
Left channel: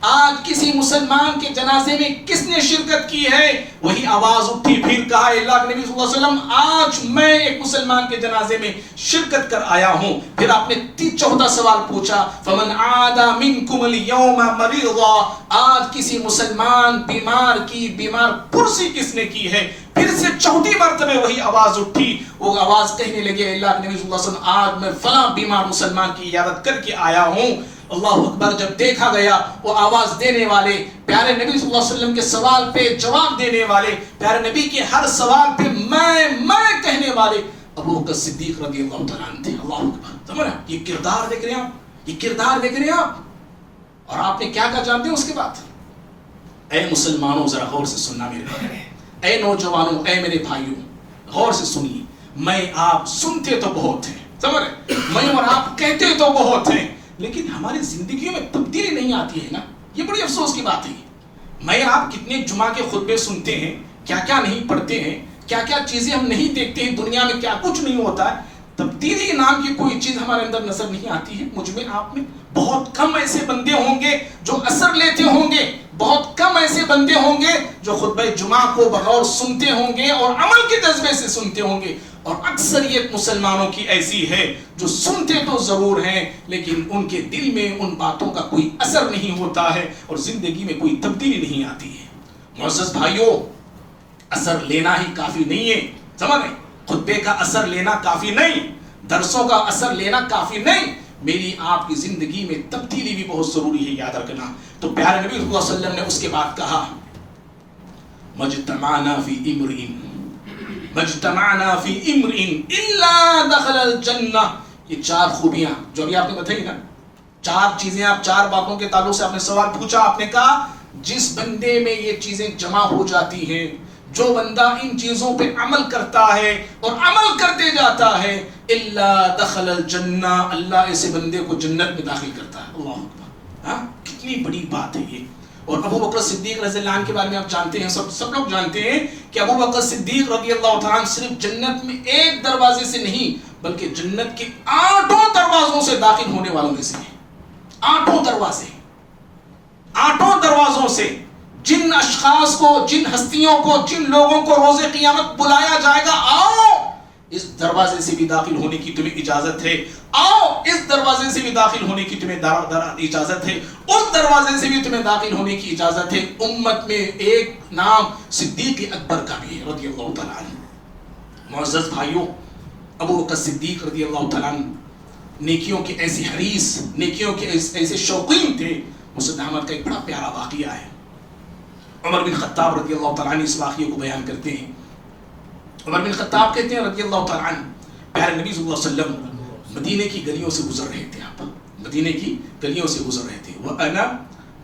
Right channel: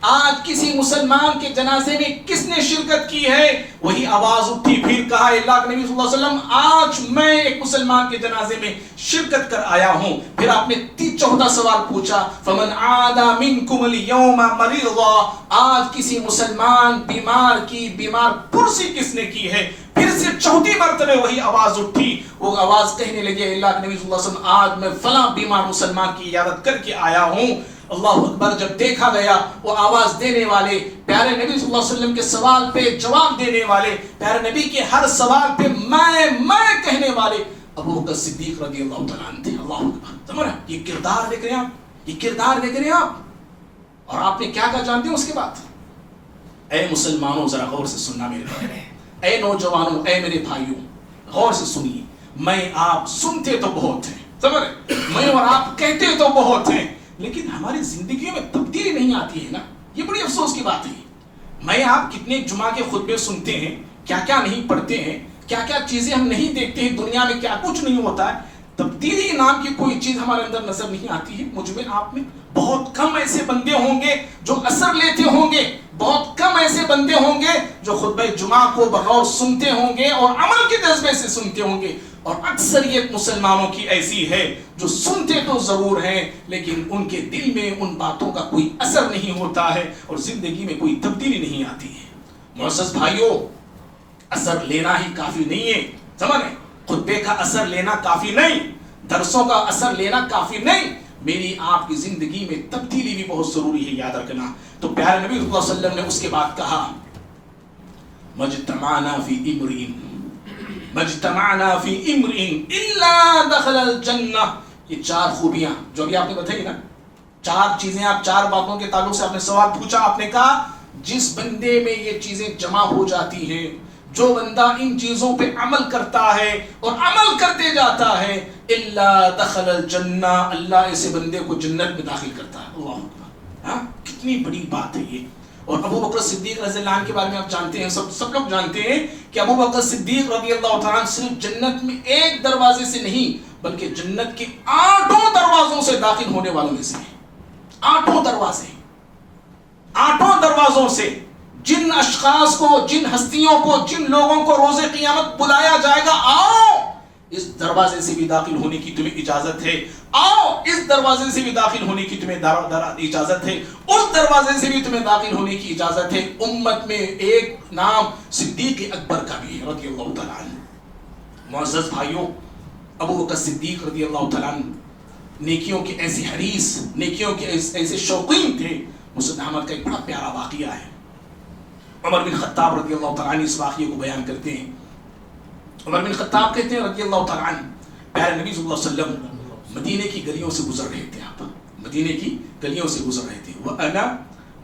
آج کسی مسلمان کے جنازے میں کس نے شرکت کی ہے؟ وہی آواز اٹھی، پھر کہا اللہ کے نبی صلی اللہ علیہ وسلم آج میں ایک مسلمان کے جنازے میں شرکت کر آیا ہوں۔ پھر آپ نے چوتھا سوال پوچھا، فمن عاد منکم اليوم مریضا، آج کسی مسلمان بیمار کی بیمار پرسی کس نے کی ہے؟ پھر سے چوتھی مرتبہ وہی آواز اٹھی. وہ آواز کہنے لگے اللہ کے نبی صلی اللہ علیہ وسلم آج میں فلاں بیمار مسلمان کی عیادت کر کے آیا ہوں. اللہ اکبر. جب دیکھا گیا وہ آواز دینے والے پیارے نبی صلی اللہ علیہ وسلم کے سوال پہ جواب دینے والے, پیارے نبی کے ہر سوال پہ میں کہنے والے ابو بکر صدیق رضی اللہ تعالیٰ عنہ تھے. اللہ اکبر. سمجھ رہے یہ کردار دیکھ رہے ہیں آپ, یہ کردار دیکھ رہے ہیں آپ. اور آپ نے کیا کہا جانتے ہیں اس کے بعد؟ اے مسلمانوں ذرا غور سے سننا میرے بھائی, اے نوجوانوں, اے میرے بھائیوں, غور سے سنیے. میں آپ سنتے تو بہت ہیں, سمجھ رہے, میں اور آپ کہتے تو بہت ہیں, لیکن ہماری زندگیوں میں تبدیلی نہیں آتی ہے نا. یہ بڑی افسوس کی بات ہے. میں آپ کتنے جمعہ کے خطبے سنتے ہیں, کیا کیا نہیں پڑھتے ہیں, کیا کیا چیزیں ہم نہیں دیکھتے ہیں, دنیا میں کیا کچھ نہیں ہوتا ہے. تبدیلی نام کی کوئی چیز ہمارے اندر نظر نہیں آتی ہے. مجھ میں آپ میں بہت کم ایسے بندے ہوں گے جو اثر لیتے ہوں گے, بہت کم ایسے بندے ہوں گے جو خطبہ جمعہ کو بغور سنتے ہوں گے اور عمل کے جذبے سے سنتے ہوں گے. اور اکثریت مسلمانوں کی ایسی ہے جو سنتے تو ضرور ہیں لیکن ان کے دل میں ان باتوں کا کوئی اثر نہیں ہوتا ہے اور زندگی میں کوئی تبدیلی نہیں آتی ہے. معزز بھائیوں, اثر لینا ہی کافی نہیں ہے, سمجھ رہے, خطبے کا اثر لینا کافی نہیں, درسوں کا اثر لینا کافی نہیں, میری آپ کی زندگی میں تبدیلی بھی بہت ضروری ہے, یاد رکھنا. تو پیارے نبی صلی اللہ علیہ وسلم نے اس کے بعد کہا مجتمعنا فی امرئ مجتمعنا فی امرئ الا دخل الجنہ. یہ چار خوبیاں جو ابھی آپ نے بتائی نا, چار چیزیں, آپ چار باتوں کے تعلق سے آپ نے سوال پوچھا, آپ نے کہا جس بندے میں یہ چیزیں جمع ہو جاتی ہیں, جو بندہ ان چیزوں پہ عمل کرتا ہے اور عمل کرتے جاتا ہے, الا دخل الجنہ, اللہ ایسے بندے کو جنت میں داخل کرتا ہے. اللہ اکبر. ہاں, کتنی بڑی بات ہے یہ. اور ابو بکر صدیق رضی اللہ عنہ کے بارے میں آپ جانتے ہیں, سب لوگ جانتے ہیں کہ ابو بکر صدیق رضی اللہ تعالیٰ عنہ صرف جنت میں ایک دروازے سے نہیں بلکہ جنت کے 8 دروازوں سے داخل ہونے والوں میں سے ہیں. 8 دروازے, 8 دروازوں سے. جن اشخاص کو, جن ہستیوں کو, جن لوگوں کو روز قیامت بلایا جائے گا, آؤ اس دروازے سے بھی داخل ہونے کی تمہیں اجازت ہے, آؤ اس دروازے سے بھی داخل ہونے کی تمہیں اجازت ہے, اس دروازے سے بھی تمہیں داخل ہونے کی اجازت ہے. امت میں ایک نام صدیق اکبر کا بھی ہے رضی اللہ تعالیٰ عنہ. معزز بھائیوں, ابو بکر صدیق رضی اللہ تعالیٰ عنہ نیکیوں کے ایسے حریص, نیکیوں کے ایسے شوقین تھے. مسند احمد کا ایک بڑا پیارا واقعہ ہے. عمر بن خطاب رضی اللہ تعالیٰ عنہ اس واقعے کو بیان کرتے ہیں. عمر بن خطاب کہتے ہیں رضی اللہ تعالیٰ عنہ, پیارے نبی صلی اللہ علیہ وسلم مدینے کی گلیوں سے گزر رہے تھے. آپ مدینے کی گلیوں سے گزر رہے تھے. وَأَنَا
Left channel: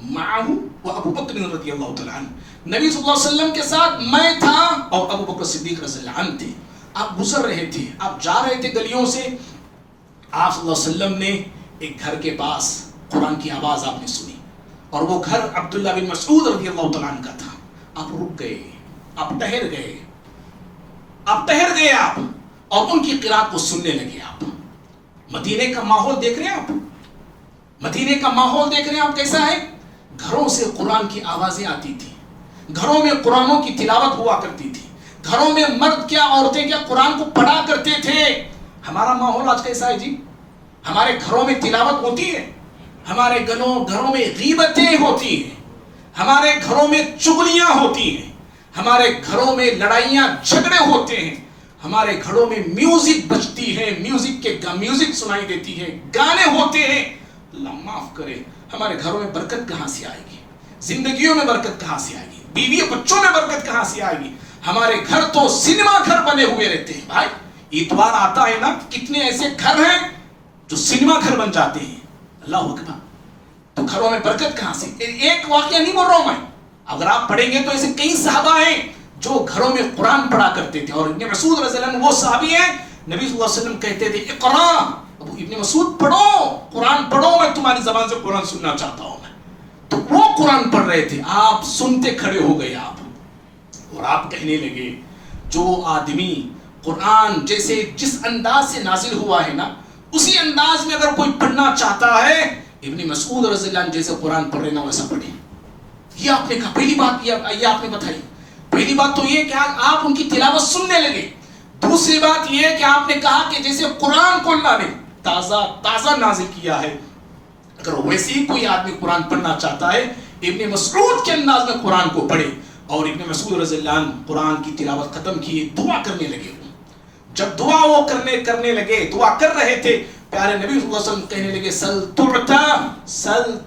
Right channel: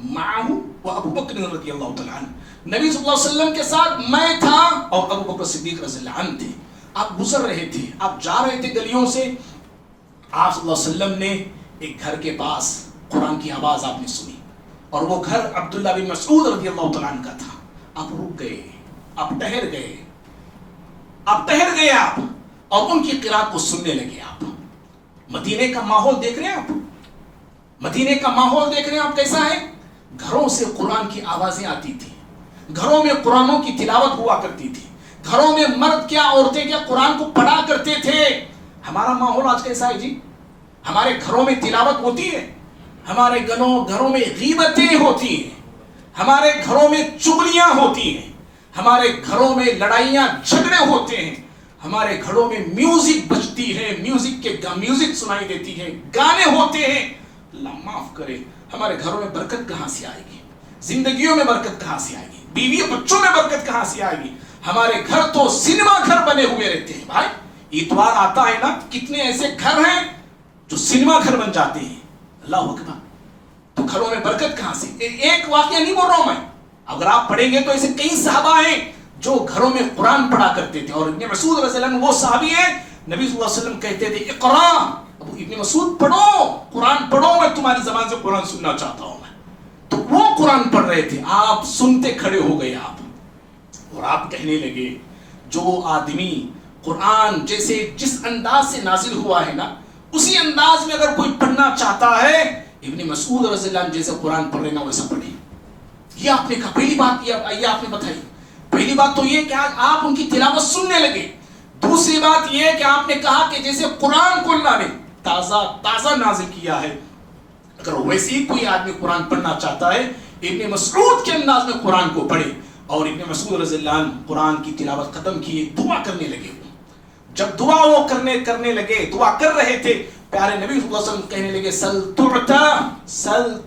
مَعَهُ وَأَبُو بَكْرٍ رضی اللہ تعالیٰ عنہ, نبی صلی اللہ علیہ وسلم کے ساتھ میں تھا اور ابو بکر صدیق رضی اللہ عنہ تھے. آپ گزر رہے تھے, آپ جا رہے تھے گلیوں سے. آپ صلی اللہ علیہ وسلم نے ایک گھر کے پاس قرآن کی آواز آپ نے سنی اور وہ گھر عبداللہ بن مسعود رضی اللہ تعالیٰ عنہ کا تھا. آپ رک گئے, آپ ٹہر گئے, آپ اور ان کی قرات کو سننے لگے. آپ مدینے کا ماحول دیکھ رہے ہیں, آپ مدینے کا ماحول دیکھ رہے ہیں آپ کیسا ہے. گھروں سے قرآن کی آوازیں آتی تھی, گھروں میں قرآنوں کی تلاوت ہوا کرتی تھی, گھروں میں مرد کیا عورتیں کیا قرآن کو پڑھا کرتے تھے. ہمارا ماحول آج کیسا ہے جی؟ ہمارے گھروں میں تلاوت ہوتی ہے, ہمارے گھروں میں غیبتیں ہوتی ہیں, ہمارے گھروں میں چغلیاں ہوتی ہیں, ہمارے گھروں میں لڑائیاں جھگڑے ہوتے ہیں, ہمارے گھروں میں میوزک بجتی ہے, میوزک سنائی دیتی ہے, گانے ہوتے ہیں. اللہ معاف کرے, ہمارے گھروں میں برکت کہاں سے آئے گی؟ زندگیوں میں برکت کہاں سے آئے گی؟ بیوی بچوں میں برکت کہاں سے آئے گی؟ ہمارے گھر تو سینما گھر بنے ہوئے رہتے ہیں. بھائی اتوار آتا ہے نا, کتنے ایسے گھر ہیں جو سینما گھر بن جاتے ہیں. اللہ اکبر. تو گھروں میں برکت کہاں سے؟ ایک واقعہ نہیں بول رہا ہوں میں, اگر آپ پڑھیں گے تو ایسے کئی صحابہ ہیں جو گھروں میں قرآن پڑھا کرتے تھے. اور ابن مسعود رضی اللہ عنہ وہ صحابی ہیں, نبی صلی اللہ علیہ وسلم کہتے تھے اقرا, ابن مسعود پڑھو, قرآن پڑھو, میں تمہاری زبان سے قرآن سننا چاہتا ہوں. تو وہ قرآن پڑھ رہے تھے, آپ سنتے کھڑے ہو گئے آپ, اور آپ کہنے لگے جو آدمی قرآن جیسے جس انداز سے نازل ہوا ہے نا, اسی انداز میں اگر کوئی پڑھنا چاہتا ہے, ابن مسعود رضی اللہ عنہ جیسے قرآن پڑھ رہے نا ویسا پڑھے. یہ آپ نے کہا. پہلی بات یہ آپ نے بتائی. پہلی بات تو یہ کہ آپ ان کی تلاوت سننے لگے. دوسری بات یہ کہ آپ نے کہا کہ جیسے قرآن کو اللہ نے تازہ نازل کیا ہے, اگر ویسے ہی کوئی آدمی قرآن پڑھنا چاہتا ہے, ابن مسعود کے انداز میں قرآن کو پڑھے. اور ابن مسعود رضی اللہ عنہ قرآن کی تلاوت ختم کی، دعا کرنے لگے. جب دعا وہ کرنے لگے، دعا کر رہے تھے، پیارے نبی صلی اللہ علیہ وسلم کہنے لگے سل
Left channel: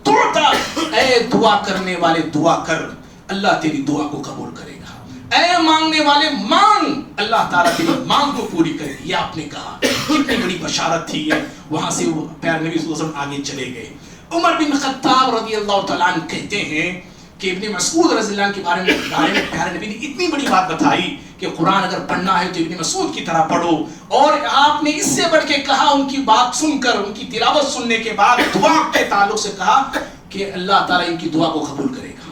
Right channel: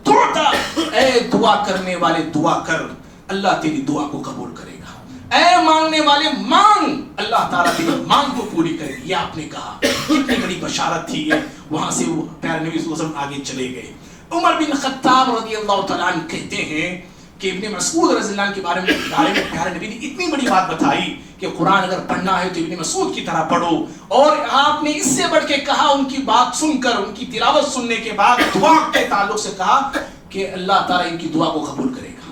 تعطا، اے دعا کرنے والے دعا کر، اللہ تیری دعا کو قبول کرے گا. اے مانگنے والے مانگ، اللہ تعالیٰ تیری مانگ کو پوری کرے گا. یہ آپ نے کہا، کتنی بڑی بشارت تھی یہ. وہاں سے وہ پیارے نبی صلی اللہ علیہ وسلم آگے چلے گئے. عمر بن خطاب رضی اللہ تعالیٰ عنہ کہتے ہیں کہ ابن مسعود رضی اللہ عنہ کے بارے میں پیارے نبی نے اتنی بڑی بات بتائی کہ قرآن اگر پڑھنا ہے تو ابن مسعود کی طرح پڑھو. اور آپ نے اس سے بڑھ کے کہا، ان کی بات سن کر، ان کی تلاوت سننے کے بعد دعا کے تعلق سے کہا کہ اللہ تعالیٰ ان کی دعا کو قبول کرے گا.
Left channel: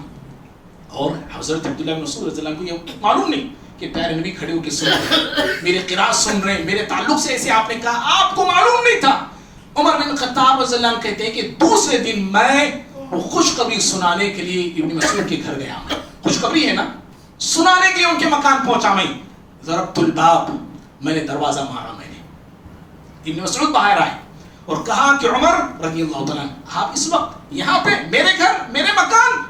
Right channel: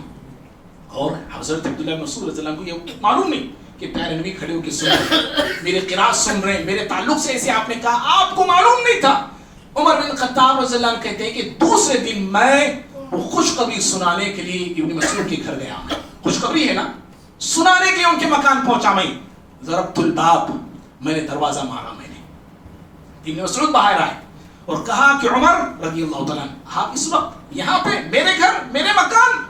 اور حضرت عبداللہ بن مسعود رضی اللہ عنہ کو یہ معلوم نہیں کہ پیارے نبی کھڑے ہو کے سن رہے ہیں، میرے قرات سن رہے ہیں، میرے تعلق سے ایسے آپ نے کہا، آپ کو معلوم نہیں تھا. عمر بن خطاب رضی اللہ عنہ کہتے ہیں کہ دوسرے دن میں وہ خوشخبری سنانے کے لیے ابن مسعود کے گھر گیا. خوشخبری ہے نا، سنانے کے لیے ان کے مکان پہنچا. میں ضربت الباب، میں نے دروازہ مارا. میں نے ابن مسعود باہر آئے اور کہا کہ عمر رضی اللہ تعالیٰ عنہ، آپ اس وقت یہاں پہ میرے گھر، میرے مکان؟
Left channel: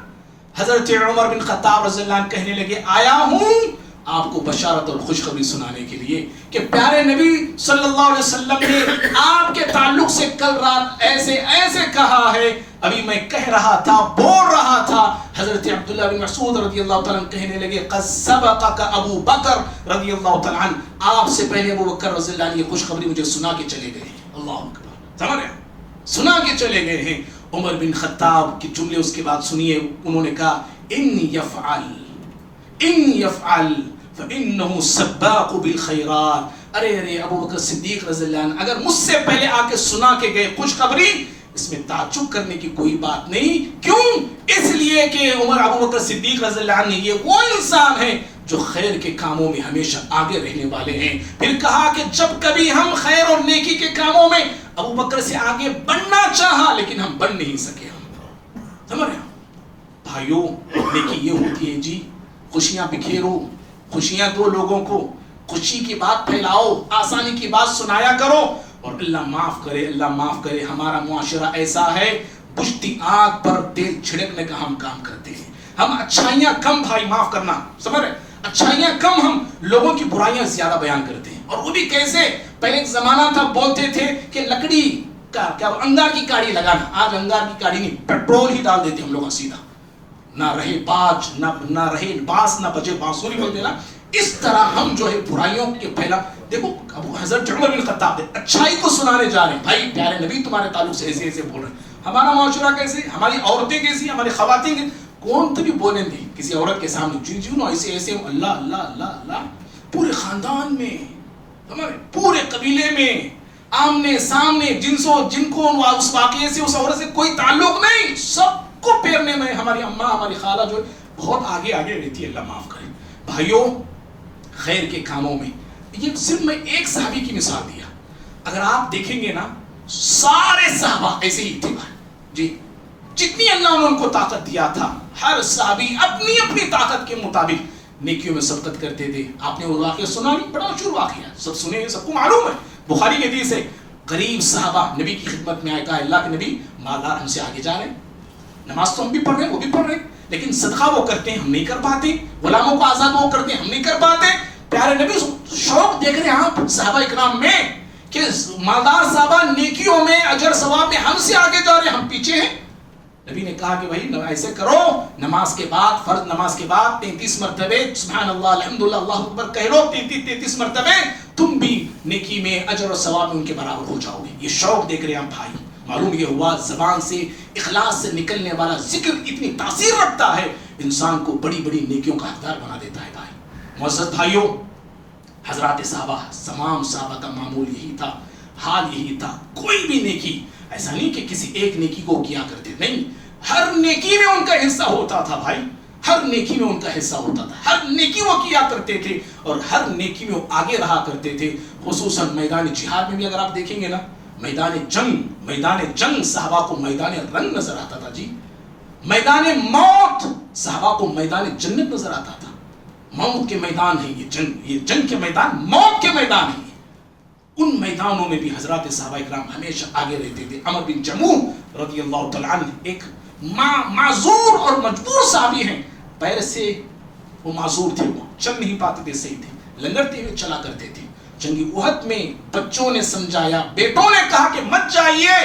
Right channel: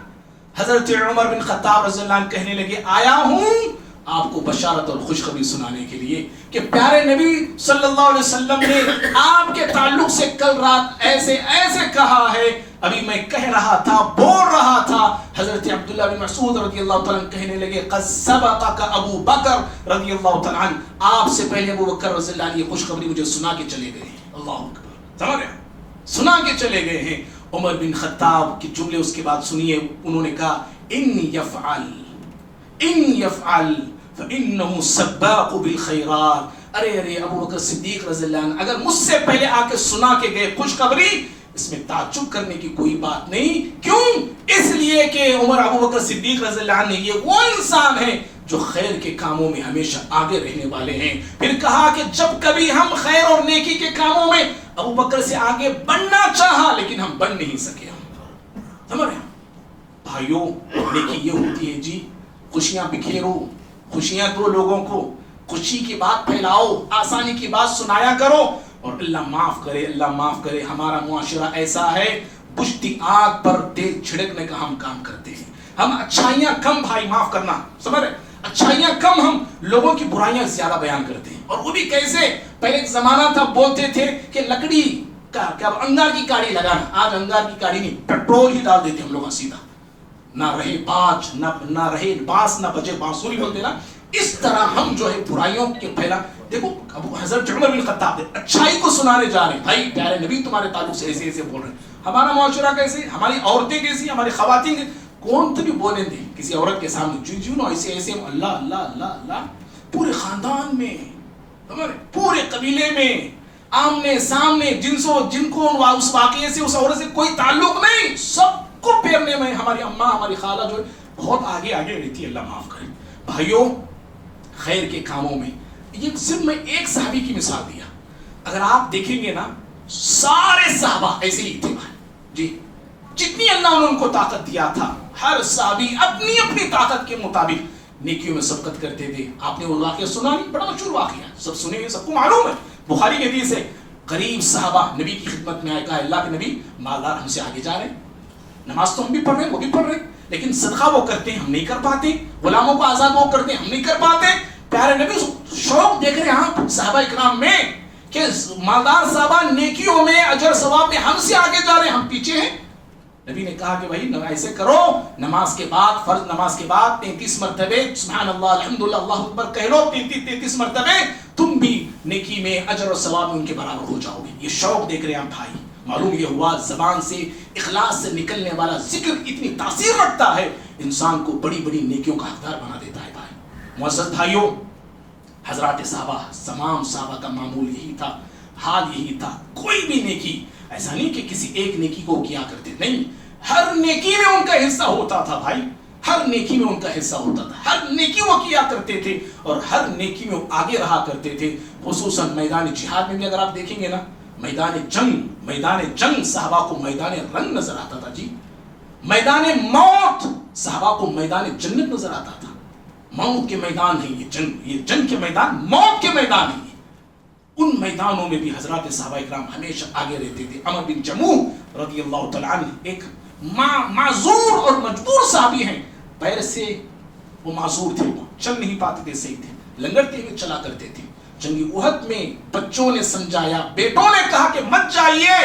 حضرت عمر بن خطاب رضی اللہ عنہ کہنے لگے آیا ہوں آپ کو بشارت اور خوشخبری سنانے کے لیے کہ پیارے نبی صلی اللہ علیہ وسلم نے آپ کے تعلق سے کل رات ایسے ایسے کہا ہے. ابھی میں کہہ رہا تھا، بول رہا تھا. حضرت عبداللہ بن مسعود رضی اللہ تعالیٰ عنہ کہنے لگے قد سبقک ابو بکر رضی اللہ تعالیٰ عنہ، آپ سے پہلے ابو بکر رضی اللہ عنہ یہ خوشخبری مجھے سنا کے چلے گئے. اللہ اکبر، سمجھ رہے ہیں؟ سنا کے چلے گئے ہیں. عمر بن خطاب کی جملے اس کے بعد سنیے. انہوں نے کہا ان یفعل فانه سباق بالخیرات. ارے ابو بکر صدیق رضی اللہ عنہ اگر مجھ سے پہلے آ کے سنا کے گئے خوشخبری، اس میں تعجب کرنے کی کوئی بات نہیں. کیوں؟ اس لیے کہ عمر ابو بکر صدیق رضی اللہ عنہ یہ وہ انسان ہے جو خیر کے کاموں میں ہمیشہ آگے رہنے والے ہیں. پھر کہا کہ جب کبھی ہم خیر اور نیکی کے کاموں میں ابو بکر سے آگے بڑھنا چاہا لیکن ہم بڑھ نہیں سکے. سمجھ رہے ہیں بھائیوں؟ نیکی یہ ہوتی ہے جی، خوشیاں بکھیرو، خوشیاں دو لوگوں کو، خوشی کی بات پھیلاؤ، آسانی کی بات سنایا کرو. اور اللہ معاف کرے، اللہ معاف کرے، ہمارا معاشرہ ایسا ہے بجھتی آگ پر تیل چھڑکنے کا ہم کام کرتے ہیں. ہم اچھائیاں کم، بھائی معاف کرنا، سمجھ رہے، اچھائیاں کم، ہم لوگوں کی برائیاں زیادہ بیان کرتے ہیں. اور وہ بھی کیسے؟ پہلے ایک زمانہ تھا بولتے تھے کہ لکڑی کا کیا انگار کی کاڑی لگانا. آج انگار کی کاڑی نہیں، پیٹرول ہی ڈال دیتے ہم لوگ سیدھا. نہ رہے باج، نہ رہے بانس، نہ بجے بانسوری بول دینا. اس طرح ہم جو ہے برائیوں کے پھیلا. دیکھو ابو حضرت عمر بن خطاب اچھائی کو سنانے جا رہے ہیں، بھائی پیارے نبی تمہارے تعلق سے ایسے ایسے بول رہے ہیں. ہمارا معاشرہ کیسے، ہماری عورتیں کیسی، ہماری خواتین کون تبھی بولیں گے کسی عورت کے سامنے جی جی نو ایسے ایسے اللہ اللہ اللہ اللہ. پورے خاندان میں، پورے قبیلے میں، آمنے سامنے، جن کو اس واقعے سے اس عورت سے کوئی تعلق نہیں، سب کو پیرنے میں ہماری اماں، ہماری خالہ جو بہت آگے آگے رہتی ہے. اللہ معاف کرے. بھائیوں خیر کے کاموں میں یہ صرف میں ایک صحابی کی مثال دیا. اگر آپ دیکھیں گے نا سارے صحابہ ایسے ہی تھے جی. جتنی اللہ نے ان کو طاقت دیا تھا، ہر صحابی اپنی اپنی طاقت کے مطابق نیکیوں میں سبقت کرتے تھے. آپ نے وہ واقعہ سنا نہیں؟ بڑا مشہور واقعہ، سب سنے ہیں، سب کو معلوم ہے. بخاری کی حدیث ہے، قریب صحابہ نبی کی خدمت میں آئے، کہا اللہ کے نبی مالدار ہم سے آگے جا رہے ہیں، نماز تو ہم بھی پڑھ رہے ہیں، وہ بھی پڑھ رہے ہیں، لیکن صدقہ وہ کرتے ہیں ہم نہیں کر پاتے، غلاموں کو آزاد وہ کرتے ہیں ہم نہیں کر پاتے. پیارے نبی شوق دیکھ رہے ہیں آپ صحابہ اکرام میں کہ مالدار صحابہ نیکیوں میں، اجر ثواب میں ہم سے آگے جا رہے ہیں، ہم پیچھے ہیں. نبی نے کہا کہ بھائی ایسے کرو، نماز کے بعد، فرض نماز کے بعد 33 مرتبے سبحان اللہ الحمدللہ اللہ اکبر کہہ لو، 33 مرتبے، تم بھی نیکی میں، اجر و ثواب میں ان کے برابر ہو جاؤ گے. یہ شوق دیکھ رہے ہیں ہم بھائی. معلوم یہ ہوا زبان سے، اخلاص سے نکلنے والا ذکر اتنی تاثیر رکھتا ہے، انسان کو بڑی بڑی نیکیوں کا حقدار بنا دیتا ہے. بھائی معزز بھائیوں، حضرات صحابہ، تمام صحابہ کا معمول یہی تھا، حال یہی تھا. کوئی بھی نیکی ایسا نہیں کہ کسی ایک نیکی کو کیا کرتے، نہیں، ہر نیکی میں ان کا حصہ ہوتا تھا. بھائی ہر نیکی میں ان کا حصہ ہوتا تھا، ہر نیکی وہ کیا کرتے تھے اور ہر نیکی میں وہ آگے رہا کرتے تھے. خصوصاً میدان جہاد میں بھی اگر آپ دیکھیں گے نا، میدان جنگ صحابہ کو میدان رنگ نظر آتا تھا جی. میدان موت صحابہ کو میدان جنت نظر آتا تھا. موت کے میدان ہے یہ جنگ کے میدان، موت کے میدان ہے. ان میدانوں میں بھی حضرات صحابہ اکرام ہمیشہ آگے رہتے تھے. عمر بن جموح رضی اللہ تعالیٰ عنہ ایک معذور اور مجبور صحابی ہیں، پیر سے وہ معذور تھے, وہ چل نہیں پاتے تھے, صحیح تھے, لنگڑتے ہوئے چلا کرتے تھے. جنگی احد میں بچوں نے سمجھایا, بیٹوں نے کہا کہ مت جائیے,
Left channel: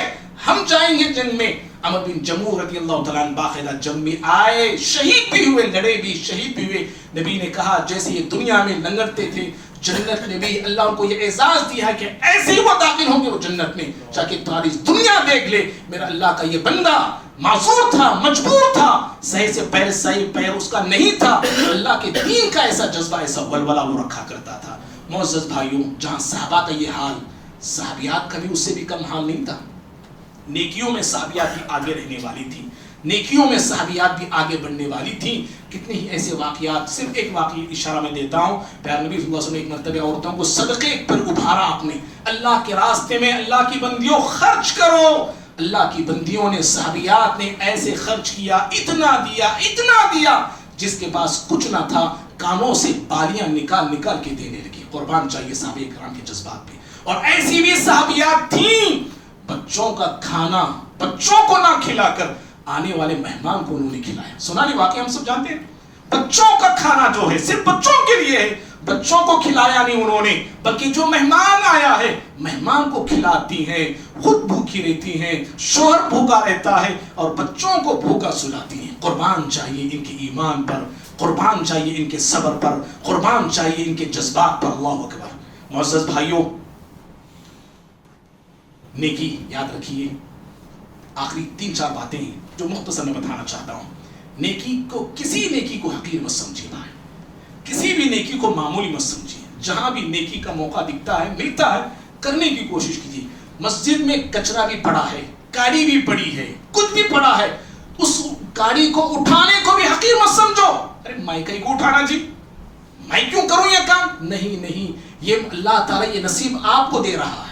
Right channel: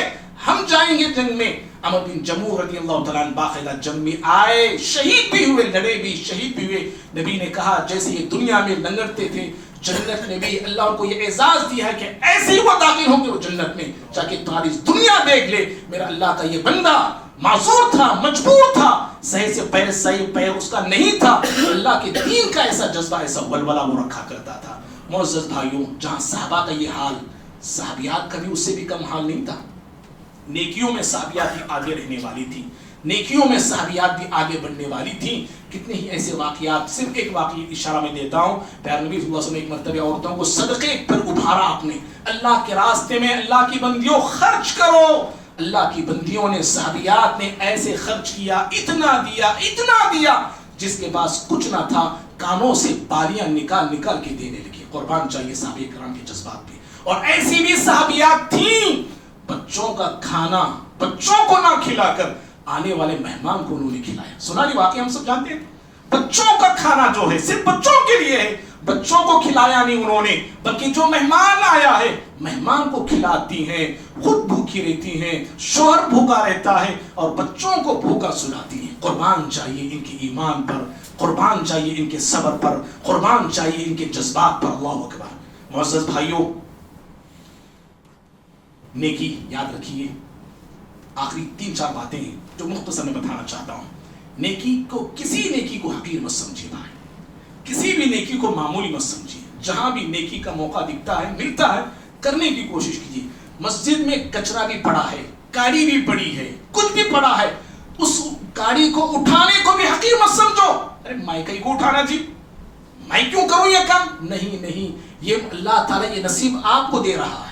ہم جائیں گے جنگ میں. عمر بن جموح رضی اللہ تعالیٰ عنہ باقاعدہ جنگ میں آئے, شہید بھی ہوئے, لڑے بھی, شہید بھی ہوئے. نبی نے کہا جیسے یہ دنیا میں لنگڑتے تھے, جنت میں بھی اللہ ان کو یہ اعزاز دیا ہے کہ ایسے ہی وہ داخل ہوں گے وہ جنت میں, تاکہ تمہاری دنیا دیکھ لے میرا اللہ کا یہ بندہ معذور تھا, مجبور تھا, صحیح سے پیر اس کا نہیں تھا, اللہ کے دین کا ایسا جذبہ, ایسا ولولہ وہ رکھا کرتا تھا. معزز بھائیوں, جہاں صحابہ کا یہ حال, صحابیات کا بھی اس سے بھی کم حال نہیں تھا. نیکیوں میں صحابیات بھی آگے رہنے والی تھی, نیکیوں میں صحابیات بھی آگے بڑھنے والی تھی. کتنے ہی ایسے واقعات, صرف ایک واقعی اشارہ میں دیتا ہوں. پیارے نبی صلی اللہ علیہ وسلم ایک مرتبہ عورتوں کو صدقے پر ابھارا آپ نے, اللہ کے راستے میں اللہ کی بندیوں خرچ کرو. اللہ کی بندیوں نے, صحابیات نے ایسے خرچ کیا, اتنا دیا جس کے پاس کچھ نہ تھا, کانوں سے بالیاں نکال کے دینے لگی. قربان چاہیے صحابہ کرام کے جذبات پہ. اور ایسی بھی صحابیات تھیں, بچوں کا کھانا بچوں کو نہ کھلا کر آنے والے مہمان کو انہوں نے کھلایا. سنا یہ واقعہ ہم سب جانتے ہیں. بچوں کا کھانا جو ہے صرف بچوں کے لیے ہے, بچوں کو کھلایا نہیں انہوں نے, بلکہ جو مہمان آیا ہے مہمان کو کھلاتی ہیں, خود بھوکی رہتی ہیں, شوہر بھوکا رہتا ہے اور بچوں کو بھوکا سلاتی ہیں. قربان چاہیے ان کے ایمان پر, قربان چاہیے ان کے صبر پر, قربان چاہیے ان کے جذبات پر. اللہ اکبر. معزز بھائیوں, نیکی یاد رکھیے. آخری 3-4 باتیں ہیں جو مختصر میں بتانا چاہتا ہوں. نیکی کو, کسی نیکی کو حقیر مت سمجھیے بھائی, کسی بھی نیکی کو معمولی مت سمجھیے. جہاں بھی نیکی کا موقع دکھتا ہے, ملتا ہے, کرنے کی کوشش کیجیے. مسجد میں کچرا بھی پڑا ہے, گاڑی بھی پڑی ہے, کچھ بھی پڑا ہے, اس گاڑی کو اٹھانے کو بھی حقیر مت سمجھو. ارے میں کہیں کو اٹھانا جی, میں کیوں کروں یہ کام؟ نہیں, یہ اللہ تعالیٰ یہ نصیب آپ کو دے رہا ہے,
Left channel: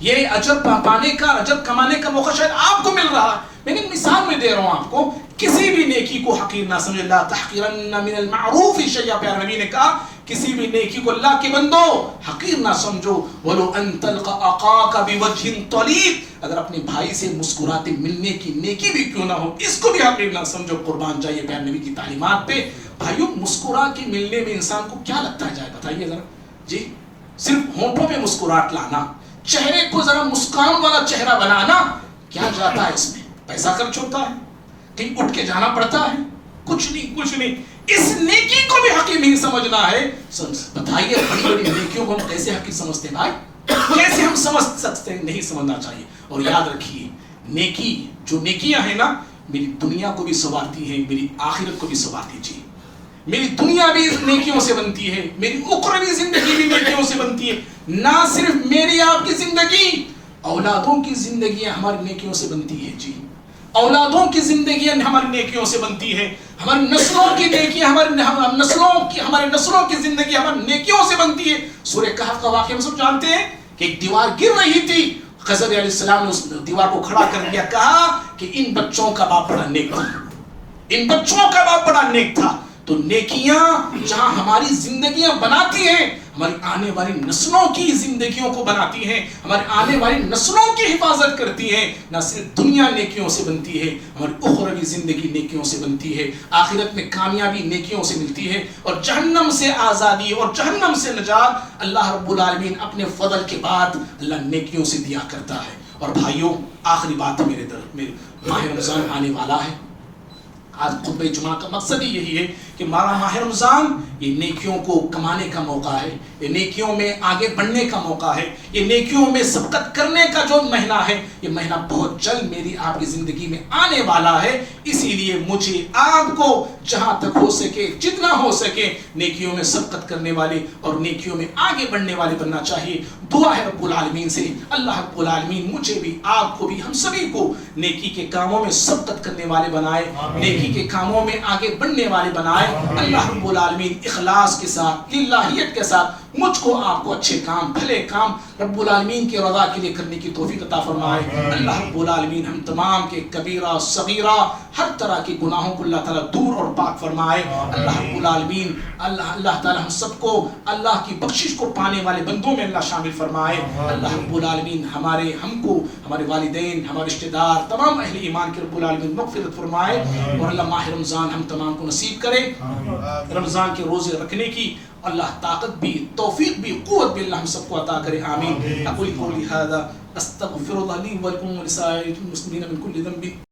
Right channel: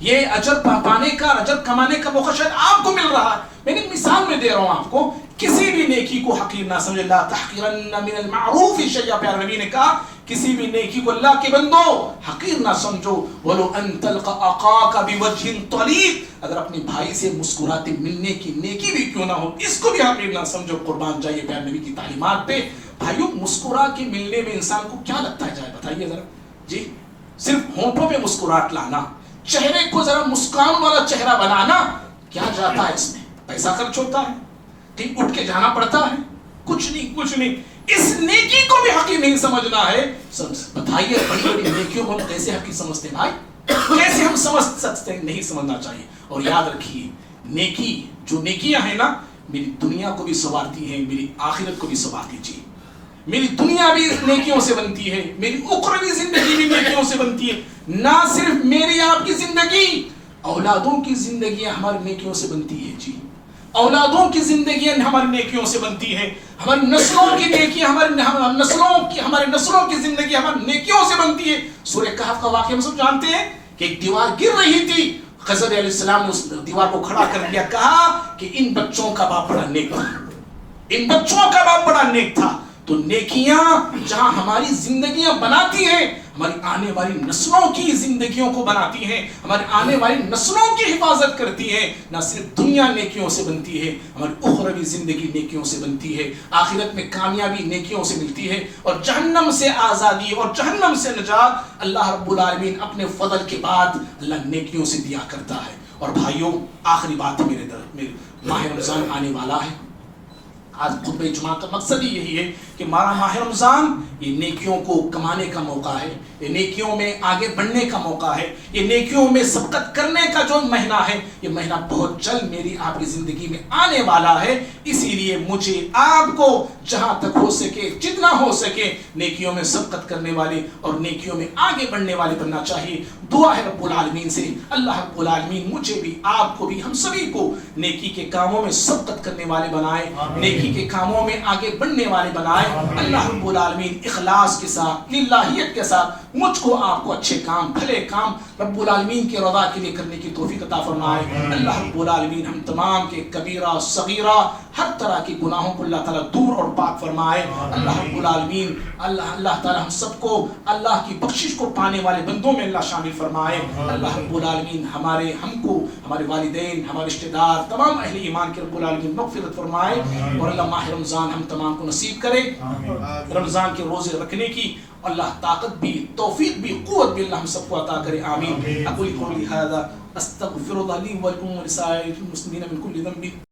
یہ اجر پانے کا, اجر کمانے کا موقع شاید آپ کو مل رہا ہے. میں نے مثال میں دے رہا ہوں آپ کو. کسی بھی نیکی کو حقیر نہ سمجھے. لا تحقرن من المعروف شیئا, پیارے نبی نے کہا کسی بھی نیکی کو اللہ کے بندو حقیر نہ سمجھو. ولو ان تلقى اخاك بوجه طليق, اگر اپنے بھائی سے مسکراتے ملنے کی نیکی بھی کیوں نہ ہو, اس کو بھی حقیر نہ سمجھو. قربان جائیے پیارے نبی کی تعلیمات پہ. بھائیوں, مسکرا کے ملنے میں انسان کو کیا لگتا ہے, جائے بتائیے ذرا جی. صرف ہونٹوں پہ مسکراہٹ لانا, چہرے کو ذرا مسکان والا چہرہ بنانا, کیا جاتا ہے اس میں؟ پیسہ خرچ ہوتا ہے, کہیں اٹھ کے جانا پڑتا ہے, کچھ نہیں. اس نیکی کو بھی حقیر نہیں سمجھنا ہے. بتائیے بڑی بڑی نیکیوں کو ہم کیسے حقیر سمجھتے ہیں بھائی, کیسے ہم سمجھ سکتے ہیں؟ نہیں سمجھنا چاہیے. اور یاد رکھیے, نیکی جو نیکیاں ہیں نا, میری دنیا کو بھی سنوارتی ہیں, میری آخرت کو بھی سنوارتی. جی, میری دنیا بھی نیکیوں سے بنتی ہے, میری اخروی زندگی بھی نیکیوں سے بنتی ہے. نہ صرف میری آپ کی زندگی, اولادوں کی زندگیاں ہماری نیکیوں سے بنتی ہے. جی, اولادوں کی زندگیاں ہماری نیکیوں سے بنتی ہے. ہماری نسلوں کی نیکیاں, ہمارے نسلوں کی زندگی ہماری نیکیوں سے بنتی ہے. سورہ کہف کا واقعہ ہم سب جانتے ہیں کہ ایک دیوار گر رہی تھی, خضر علیہ السلام نے اس دیوار کو کھڑا کر دیا, کہا کہ ان بچوں کا باپ بڑا نیک تھا, ان بچوں کا باپ بڑا نیک تھا. تو نیکیاں جہاں ہماری زندگیاں بناتی ہیں, ہماری آنے والی نسلوں کی زندگیوں کو بناتی ہیں, ہماری آنے والی نسلوں کی حفاظت کرتی ہیں. نہ صرف دنیا نیکیوں سے بنتی ہے, ہماری اخروی زندگی نیکیوں سے بنتی ہے. آخرت میں کامیابی نیکیوں سے ملتی ہے, اور جہنم سے آزادی اور جہنم سے نجات اللہ رب العالمین اپنے فضل کے بعد اللہ نیکیوں سے دیا کرتا ہے. اور بھائیوں, آخری بات میرے ماہ رمضان آنے والا ہے. آج خطبہ جمعہ کا مقصد ہی یہی ہے کہ ہمارا ماہ رمضان یہ نیکیوں کو کمانے کا موقع ہے, یہ نیکیوں میں آگے بڑھنے کا موقع ہے, یہ نیکیوں میں سبقت کرنے کا جو مہینہ ہے, یہ مہینہ بہت جلد میری آپ کی زندگی میں آنے والا ہے. اسی لیے مجھے آپ کو جہاں تک ہو سکے, جتنا ہو سکے, نیکیوں میں سبقت کرنے والے اور نیکیوں میں آگے بڑھنے والے بننا چاہیے. دعا ہے رب العالمین سے, اللہ رب العالمین مجھے بھی, آپ کو بھی, ہم سبھی کو نیکی کے کاموں میں سبقت کرنے والے بنائے, نیکی کے کاموں میں آگے بڑھنے والے بنائے. اللہ رب العالمین اخلاص کے ساتھ, للہیت کے ساتھ مجھ کو آپ کو اچھے کام بھلے کام رب العالمین کی رضا کے لیے کرنے کی توفیق عطا فرمائے۔ اللہ رب العالمین ہم تمام کے کبیرہ صغیرہ ہر طرح کے گناہوں کو اللہ تعالیٰ دور اور پاک فرمائے۔ اللہ رب العالمین اللہ تعالیٰ ہم سب کو اللہ کی بخشش کو پانے والے بندوں میں اللہ شامل فرمائے۔ اللہ رب العالمین ہم کو ہمارے والدین ہمارے رشتہ دار تمام اہل ایمان کے رب العالمین مغفرت فرمائے، اور اللہ ماہ رمضان ہم تمام کو نصیب کرے، رمضان کے روزے رکھنے کی اللہ طاقت بھی توفیق بھی قوت بھی اللہ ہم سب کو عطا کرے، آمین۔ اقول قولی ھذا استغفر اللہ لی ولکم ولسائر المسلمین من کل ذنب۔